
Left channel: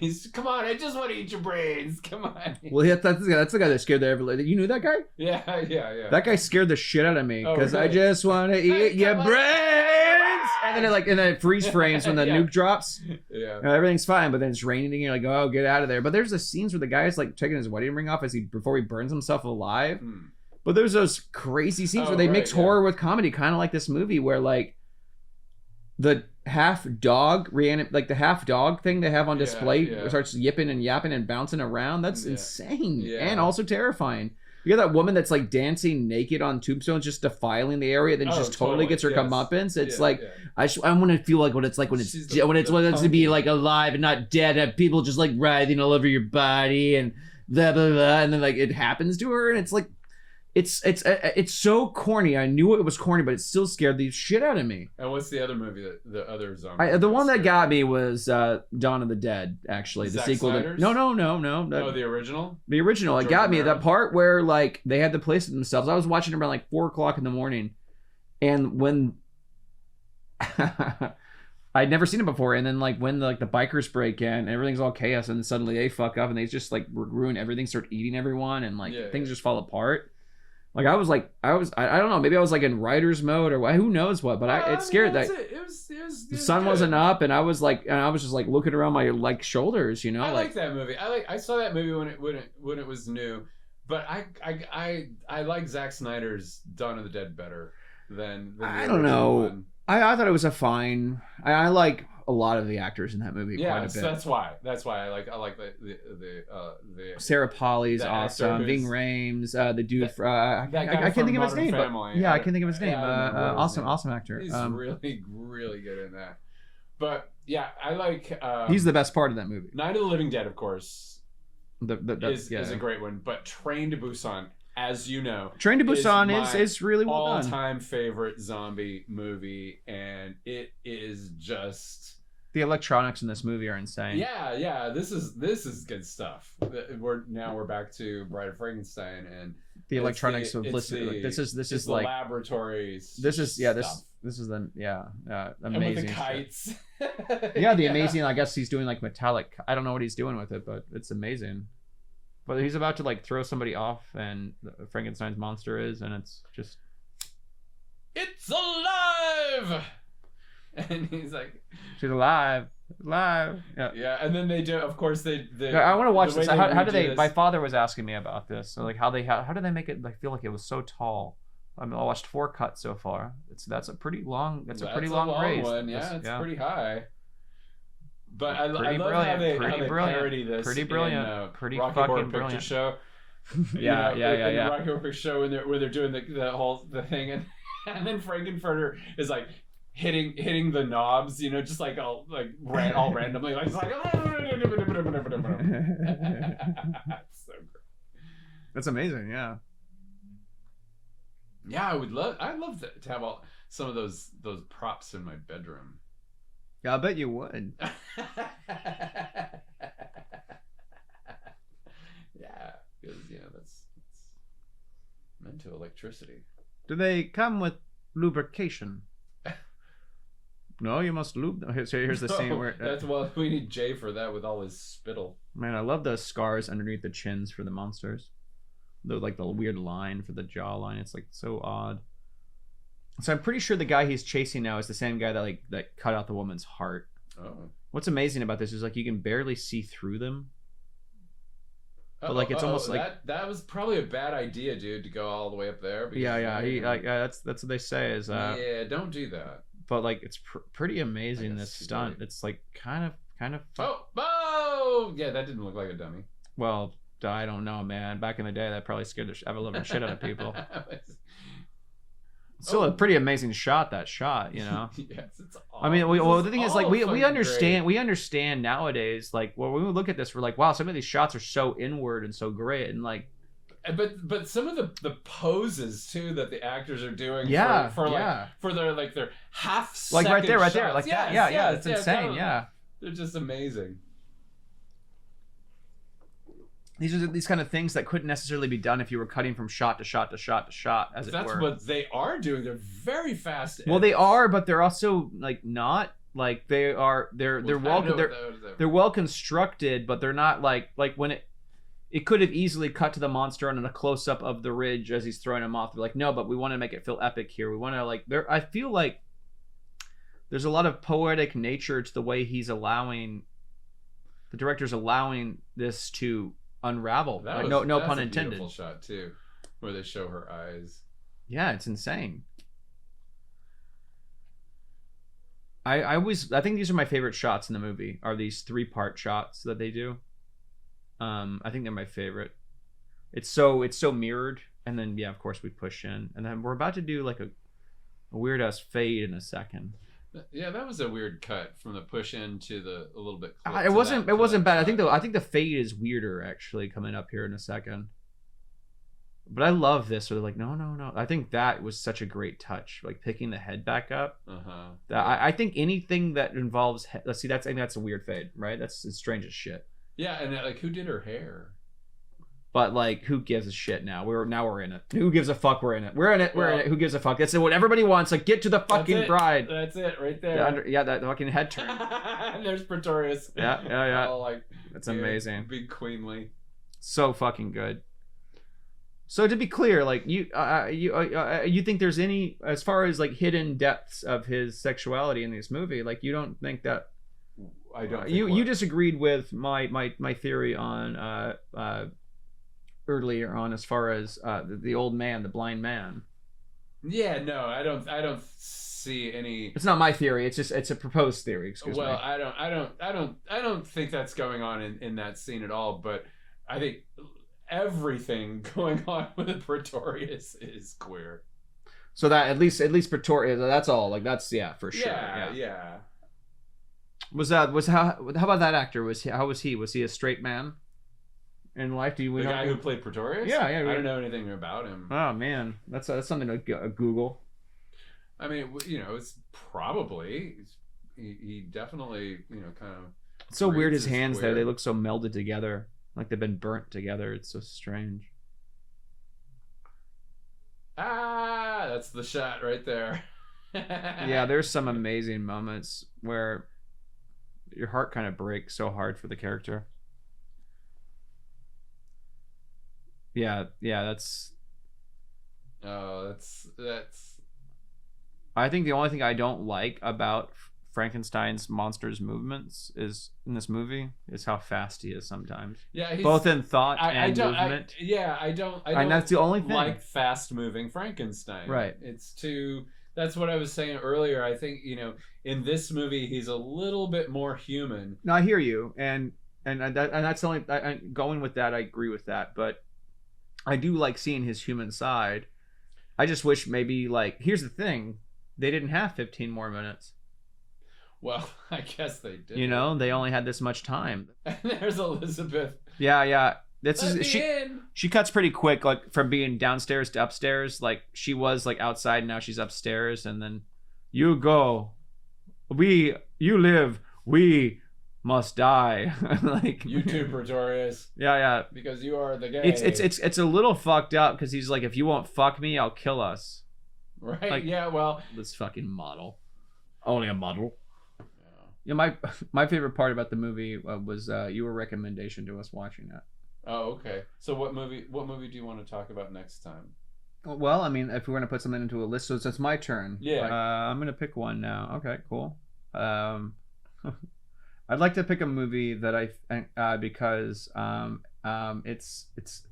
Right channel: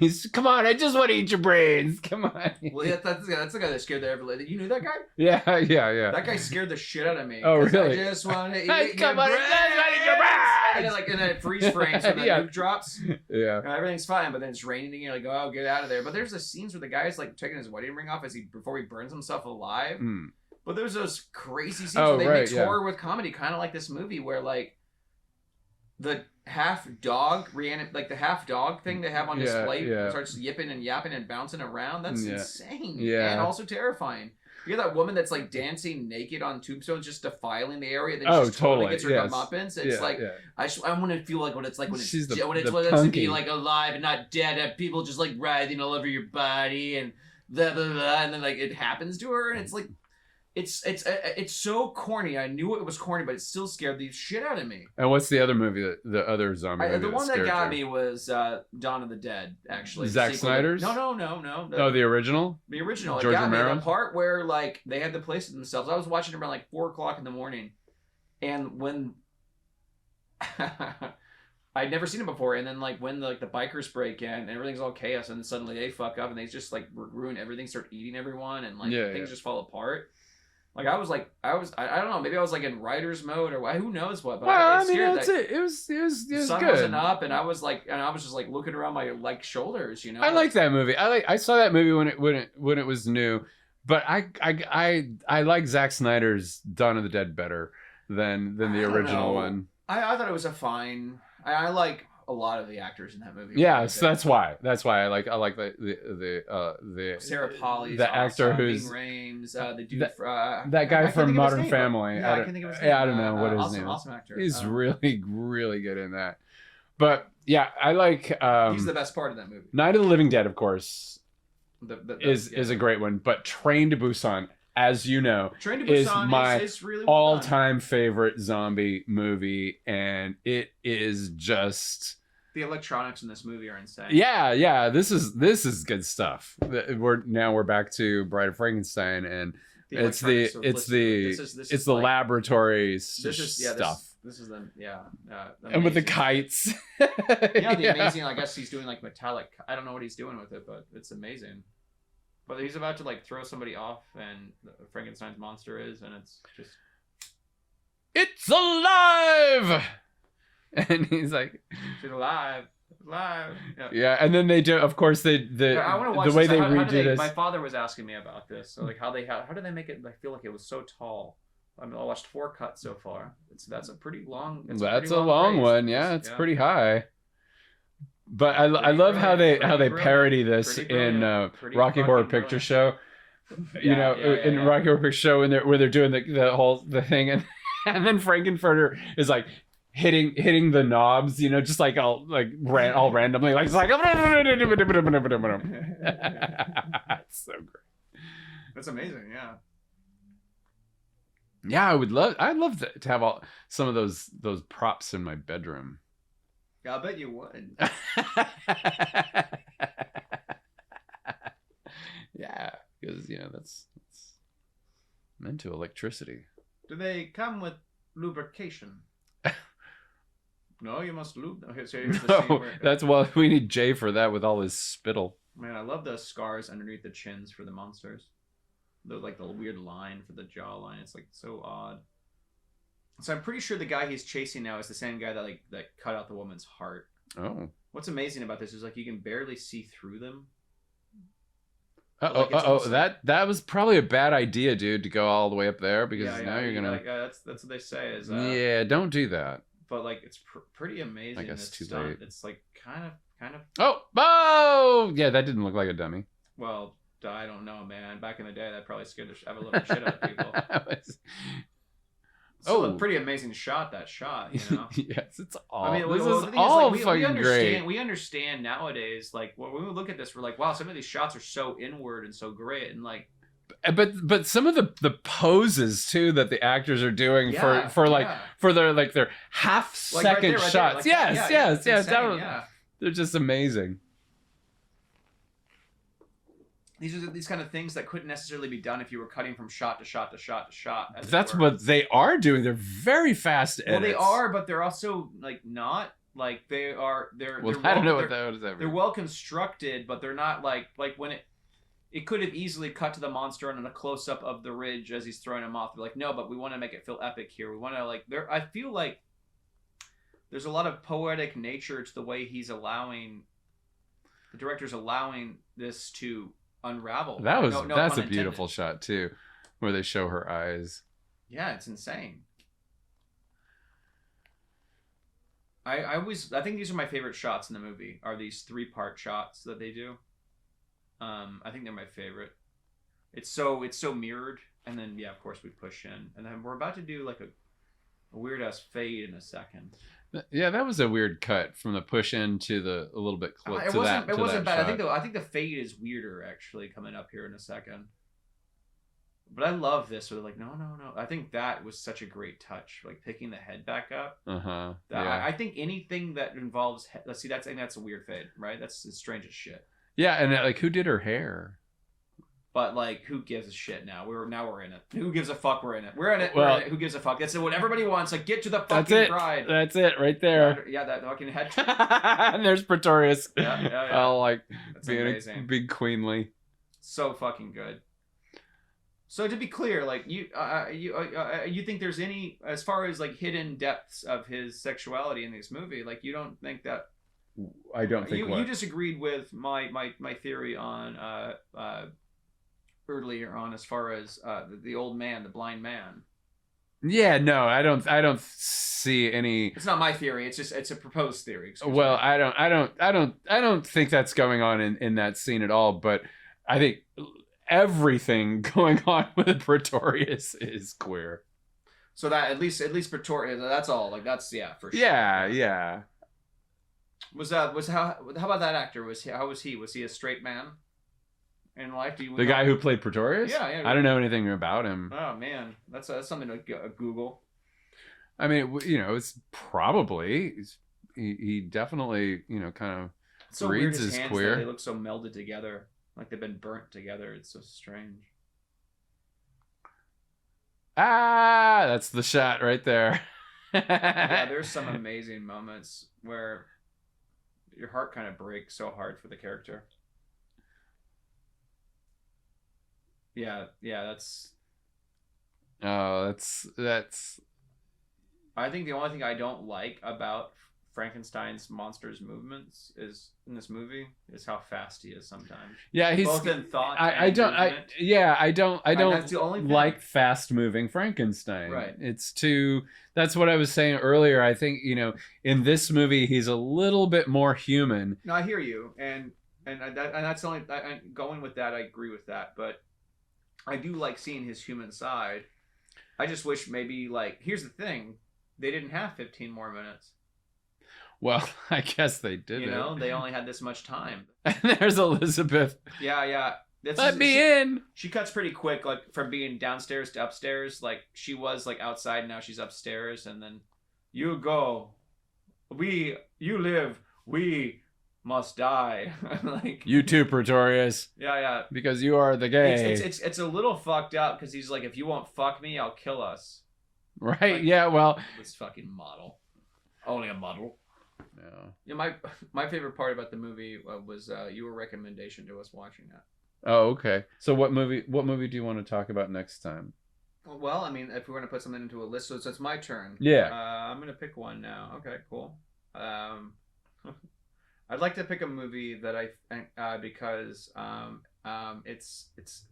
he's come on, I just want to eat your brains. Come on. Well, that's the guy that scared the ever. You knew that guy? Yeah. That guy scared the shit out of me. Oh, really? I just want to eat your brains. And then it freeze frames when the nuke drops. Yeah. And everything's fine, but then it's raining and you're like, oh, get out of there. But there's the scenes where the guy's like taking his wedding ring off before he burns himself alive. Mm. But there's those crazy scenes where they mix horror with comedy, kind of like this movie where like the half dog thing they have on display starts yipping and yapping and bouncing around. That's insane. Yeah. And also terrifying. You got that woman that's like dancing naked on tombstones, just defiling the area. Then she totally gets her comeuppance. It's I want to feel like what it's like when it's to be like alive and not dead. And people just like writhing all over your body and blah blah blah. And then like it happens to her, and it's like it's so corny. I knew it was corny, but it still scared the shit out of me. And what's the other movie the other zombie? The one that got me was Dawn of the Dead. Actually, Zack Snyder's. No. Oh, the original. The original. It got me. The part where like they had the place to themselves. I was watching it around like 4:00 in the morning, and when I'd never seen it before, and then like when the bikers break in, and everything's all chaos, and suddenly they fuck up and they just like ruin everything, start eating everyone, and like things just fall apart. Like I don't know, maybe I was like in writer's mode or who knows what, but it scared that it was the sun good. Wasn't up, and I was just like looking around my like shoulders, you know. I like that movie. I saw that movie when it was new, but I like Zack Snyder's Dawn of the Dead better than the original one. I thought it was a fine. I like a lot of the actors in that movie. Yeah, so that's why I like the Sarah Polley's the actor awesome. Ving Rhames, the dude that guy from Modern Family. Yeah, I can't think of his name. Yeah, I don't know. Awesome actor. He's really really good in that. But yeah, I like. He's the best part of that movie. Night of the Living Dead, of course, is a great one. But Train to Busan, as you know, Train to Busan is really well all-time favorite zombie movie, and it is just the electronics in this movie are insane. Yeah, this is good stuff. We're back to Bride of Frankenstein, and the electronics. It's the laboratory stuff. This is amazing. And with the kites. The amazing. I guess he's doing like metallic. I don't know what he's doing with it, but it's amazing. But he's about to like throw somebody off, and Frankenstein's monster is, and it's just, it's alive. And he's like, she's alive. Yeah, and then they do. Of course, I want to watch the way this. How do they? This. My father was asking me about this. So like, how do they make it? I feel like it was so tall. I watched 4 cuts so far. That's a pretty long. That's a long one. Yeah, it's pretty high. But I love how they parody this in Rocky Horror Picture Show. in the Rocky Horror Picture Show where they're doing the thing, and then Frankenfurter is like hitting the knobs, just like all randomly, like it's like it's so great. That's amazing. Yeah, I'd love to have some of those props in my bedroom. Yeah, I bet you would. Yeah, because that's I'm into electricity. Do they come with lubrication? No, you must lube them. So here's the scene where we need Jay for that with all his spittle. Man, I love the scars underneath the chins for the monsters. They're like the weird line for the jawline. It's like so odd. So I'm pretty sure the guy he's chasing now is the same guy that cut out the woman's heart. Oh. What's amazing about this is like you can barely see through them. That was probably a bad idea, dude, to go all the way up there because that's what they say is don't do that. But like it's pretty amazing this stunt. Late. It's like kind of yeah, that didn't look like a dummy. Well, I don't know, man. Back in the day, that probably scared the ever living shit out of people. Still a pretty amazing shot. That shot, Yes, it's all. I mean, the thing is, like, we understand. Great. We understand nowadays. Like, when we look at this, we're like, wow, some of these shots are so inward and so great, and like. But some of the poses too that the actors are doing for their half second right there, shots. There, like, yes, they're just amazing. These are these kind of things that couldn't necessarily be done if you were cutting from shot to shot to shot to shot. That's what they are doing. They're very fast. Well, they are, but they're also like not like they are. They're well constructed, but they're not like when it could have easily cut to the monster on a close up of the ridge as he's throwing him off. They're like, no, but we want to make it feel epic here. We want to I feel like there's a lot of poetic nature to the way he's allowing the director's allowing this to unravel. That's a beautiful shot too, where they show her eyes. Yeah, it's insane. I think these are my favorite shots in the movie. Are these 3-part shots that they do? I think they're my favorite. It's so mirrored, and then of course we push in, and then we're about to do like a weird ass fade in a second. Yeah, that was a weird cut from the push in to a little bit close. It wasn't bad. Shot. I think the fade is weirder actually coming up here in a second. But I love this. Where they're like, no. I think that was such a great touch, like picking the head back up. I think anything that involves let's see, that's a weird fade, right? It's strange as shit. Yeah, and like who did her hair? But like, who gives a shit now? We're in it. Who gives a fuck? We're in it. We're in it. Who gives a fuck? That's what everybody wants. Like, get to the fucking bride. That's it, right there. Yeah, that fucking head. And there's Pretorius. Yeah. All like, that's amazing. Big queenly. So fucking good. So to be clear, like you think there's any, as far as like hidden depths of his sexuality in this movie? Like, you don't think that? I don't. Think you disagreed with my theory on earlier on, as far as the old man, the blind man. Yeah, no, I don't see any. It's not my theory. It's a proposed theory. Well, I don't think that's going on in that scene at all. But I think everything going on with Pretorius is queer. So that at least Pretorius. That's all. Like, that's for sure. Yeah. How about that actor? How was he? Was he a straight man in life? The guy who played Pretorius? Yeah. I don't know anything about him. Oh man, that's something to Google. I mean, it's probably he definitely kind of. It's so weird, his hands there. They look so melded together, like they've been burnt together. It's so strange. That's the shot right there. Yeah, there's some amazing moments where your heart kind of breaks so hard for the character. Yeah, that's. That's. I think the only thing I don't like about Frankenstein's monsters' movements is in this movie is how fast he is sometimes. Yeah, he's both in thought and movement. I don't. That's the only thing. Like fast moving Frankenstein. Right. It's too. That's what I was saying earlier. I think in this movie he's a little bit more human. No, I hear you, and that's the only. Going with that, I agree with that, but I do like seeing his human side. I just wish maybe like here's the thing, they didn't have 15 more minutes. Well, I guess they did. You know, they only had this much time. And there's Elizabeth. Yeah. Let me in. She cuts pretty quick, like from being downstairs to upstairs. Like she was like outside, now she's upstairs, and then you go, you live, we must die. Like you too, Pretorius. Yeah. Because you are the gay. It's a little fucked up because he's like, if you won't fuck me, I'll kill us. Right. Like, yeah. Well, this fucking model. Only a model. Yeah. My favorite part about the movie was your recommendation to us watching it. Oh, okay. So what movie do you want to talk about next time? Well, I mean, if we're gonna put something into a list, so it's my turn. Yeah. I'm gonna pick one now. Okay, cool. I'd like to pick a movie that because it's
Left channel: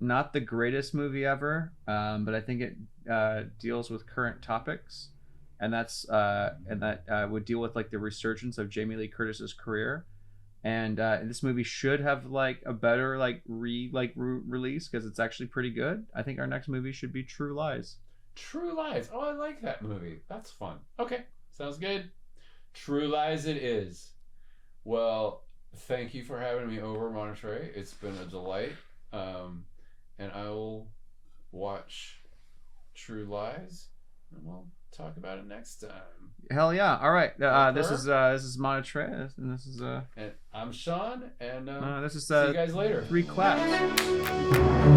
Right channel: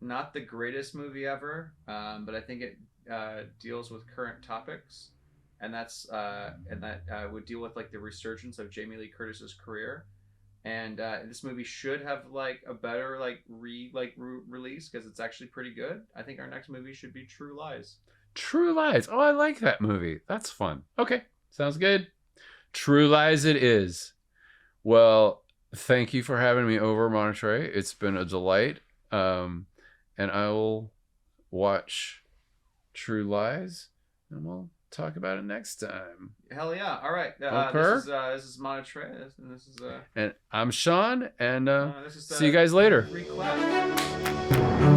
not the greatest movie ever, but I think it deals with current topics, and that would deal with like the resurgence of Jamie Lee Curtis's career. And this movie should have like a better release because it's actually pretty good. I think our next movie should be True Lies. True Lies. Oh, I like that movie. That's fun. Okay, sounds good. True Lies it is. Well, thank you for having me over, Montetré. It's been a delight. And I will watch True Lies, and we'll talk about it next time. Hell yeah! All right, this is Montetré, and this is and I'm Sean, and this is see you guys later. 3 claps.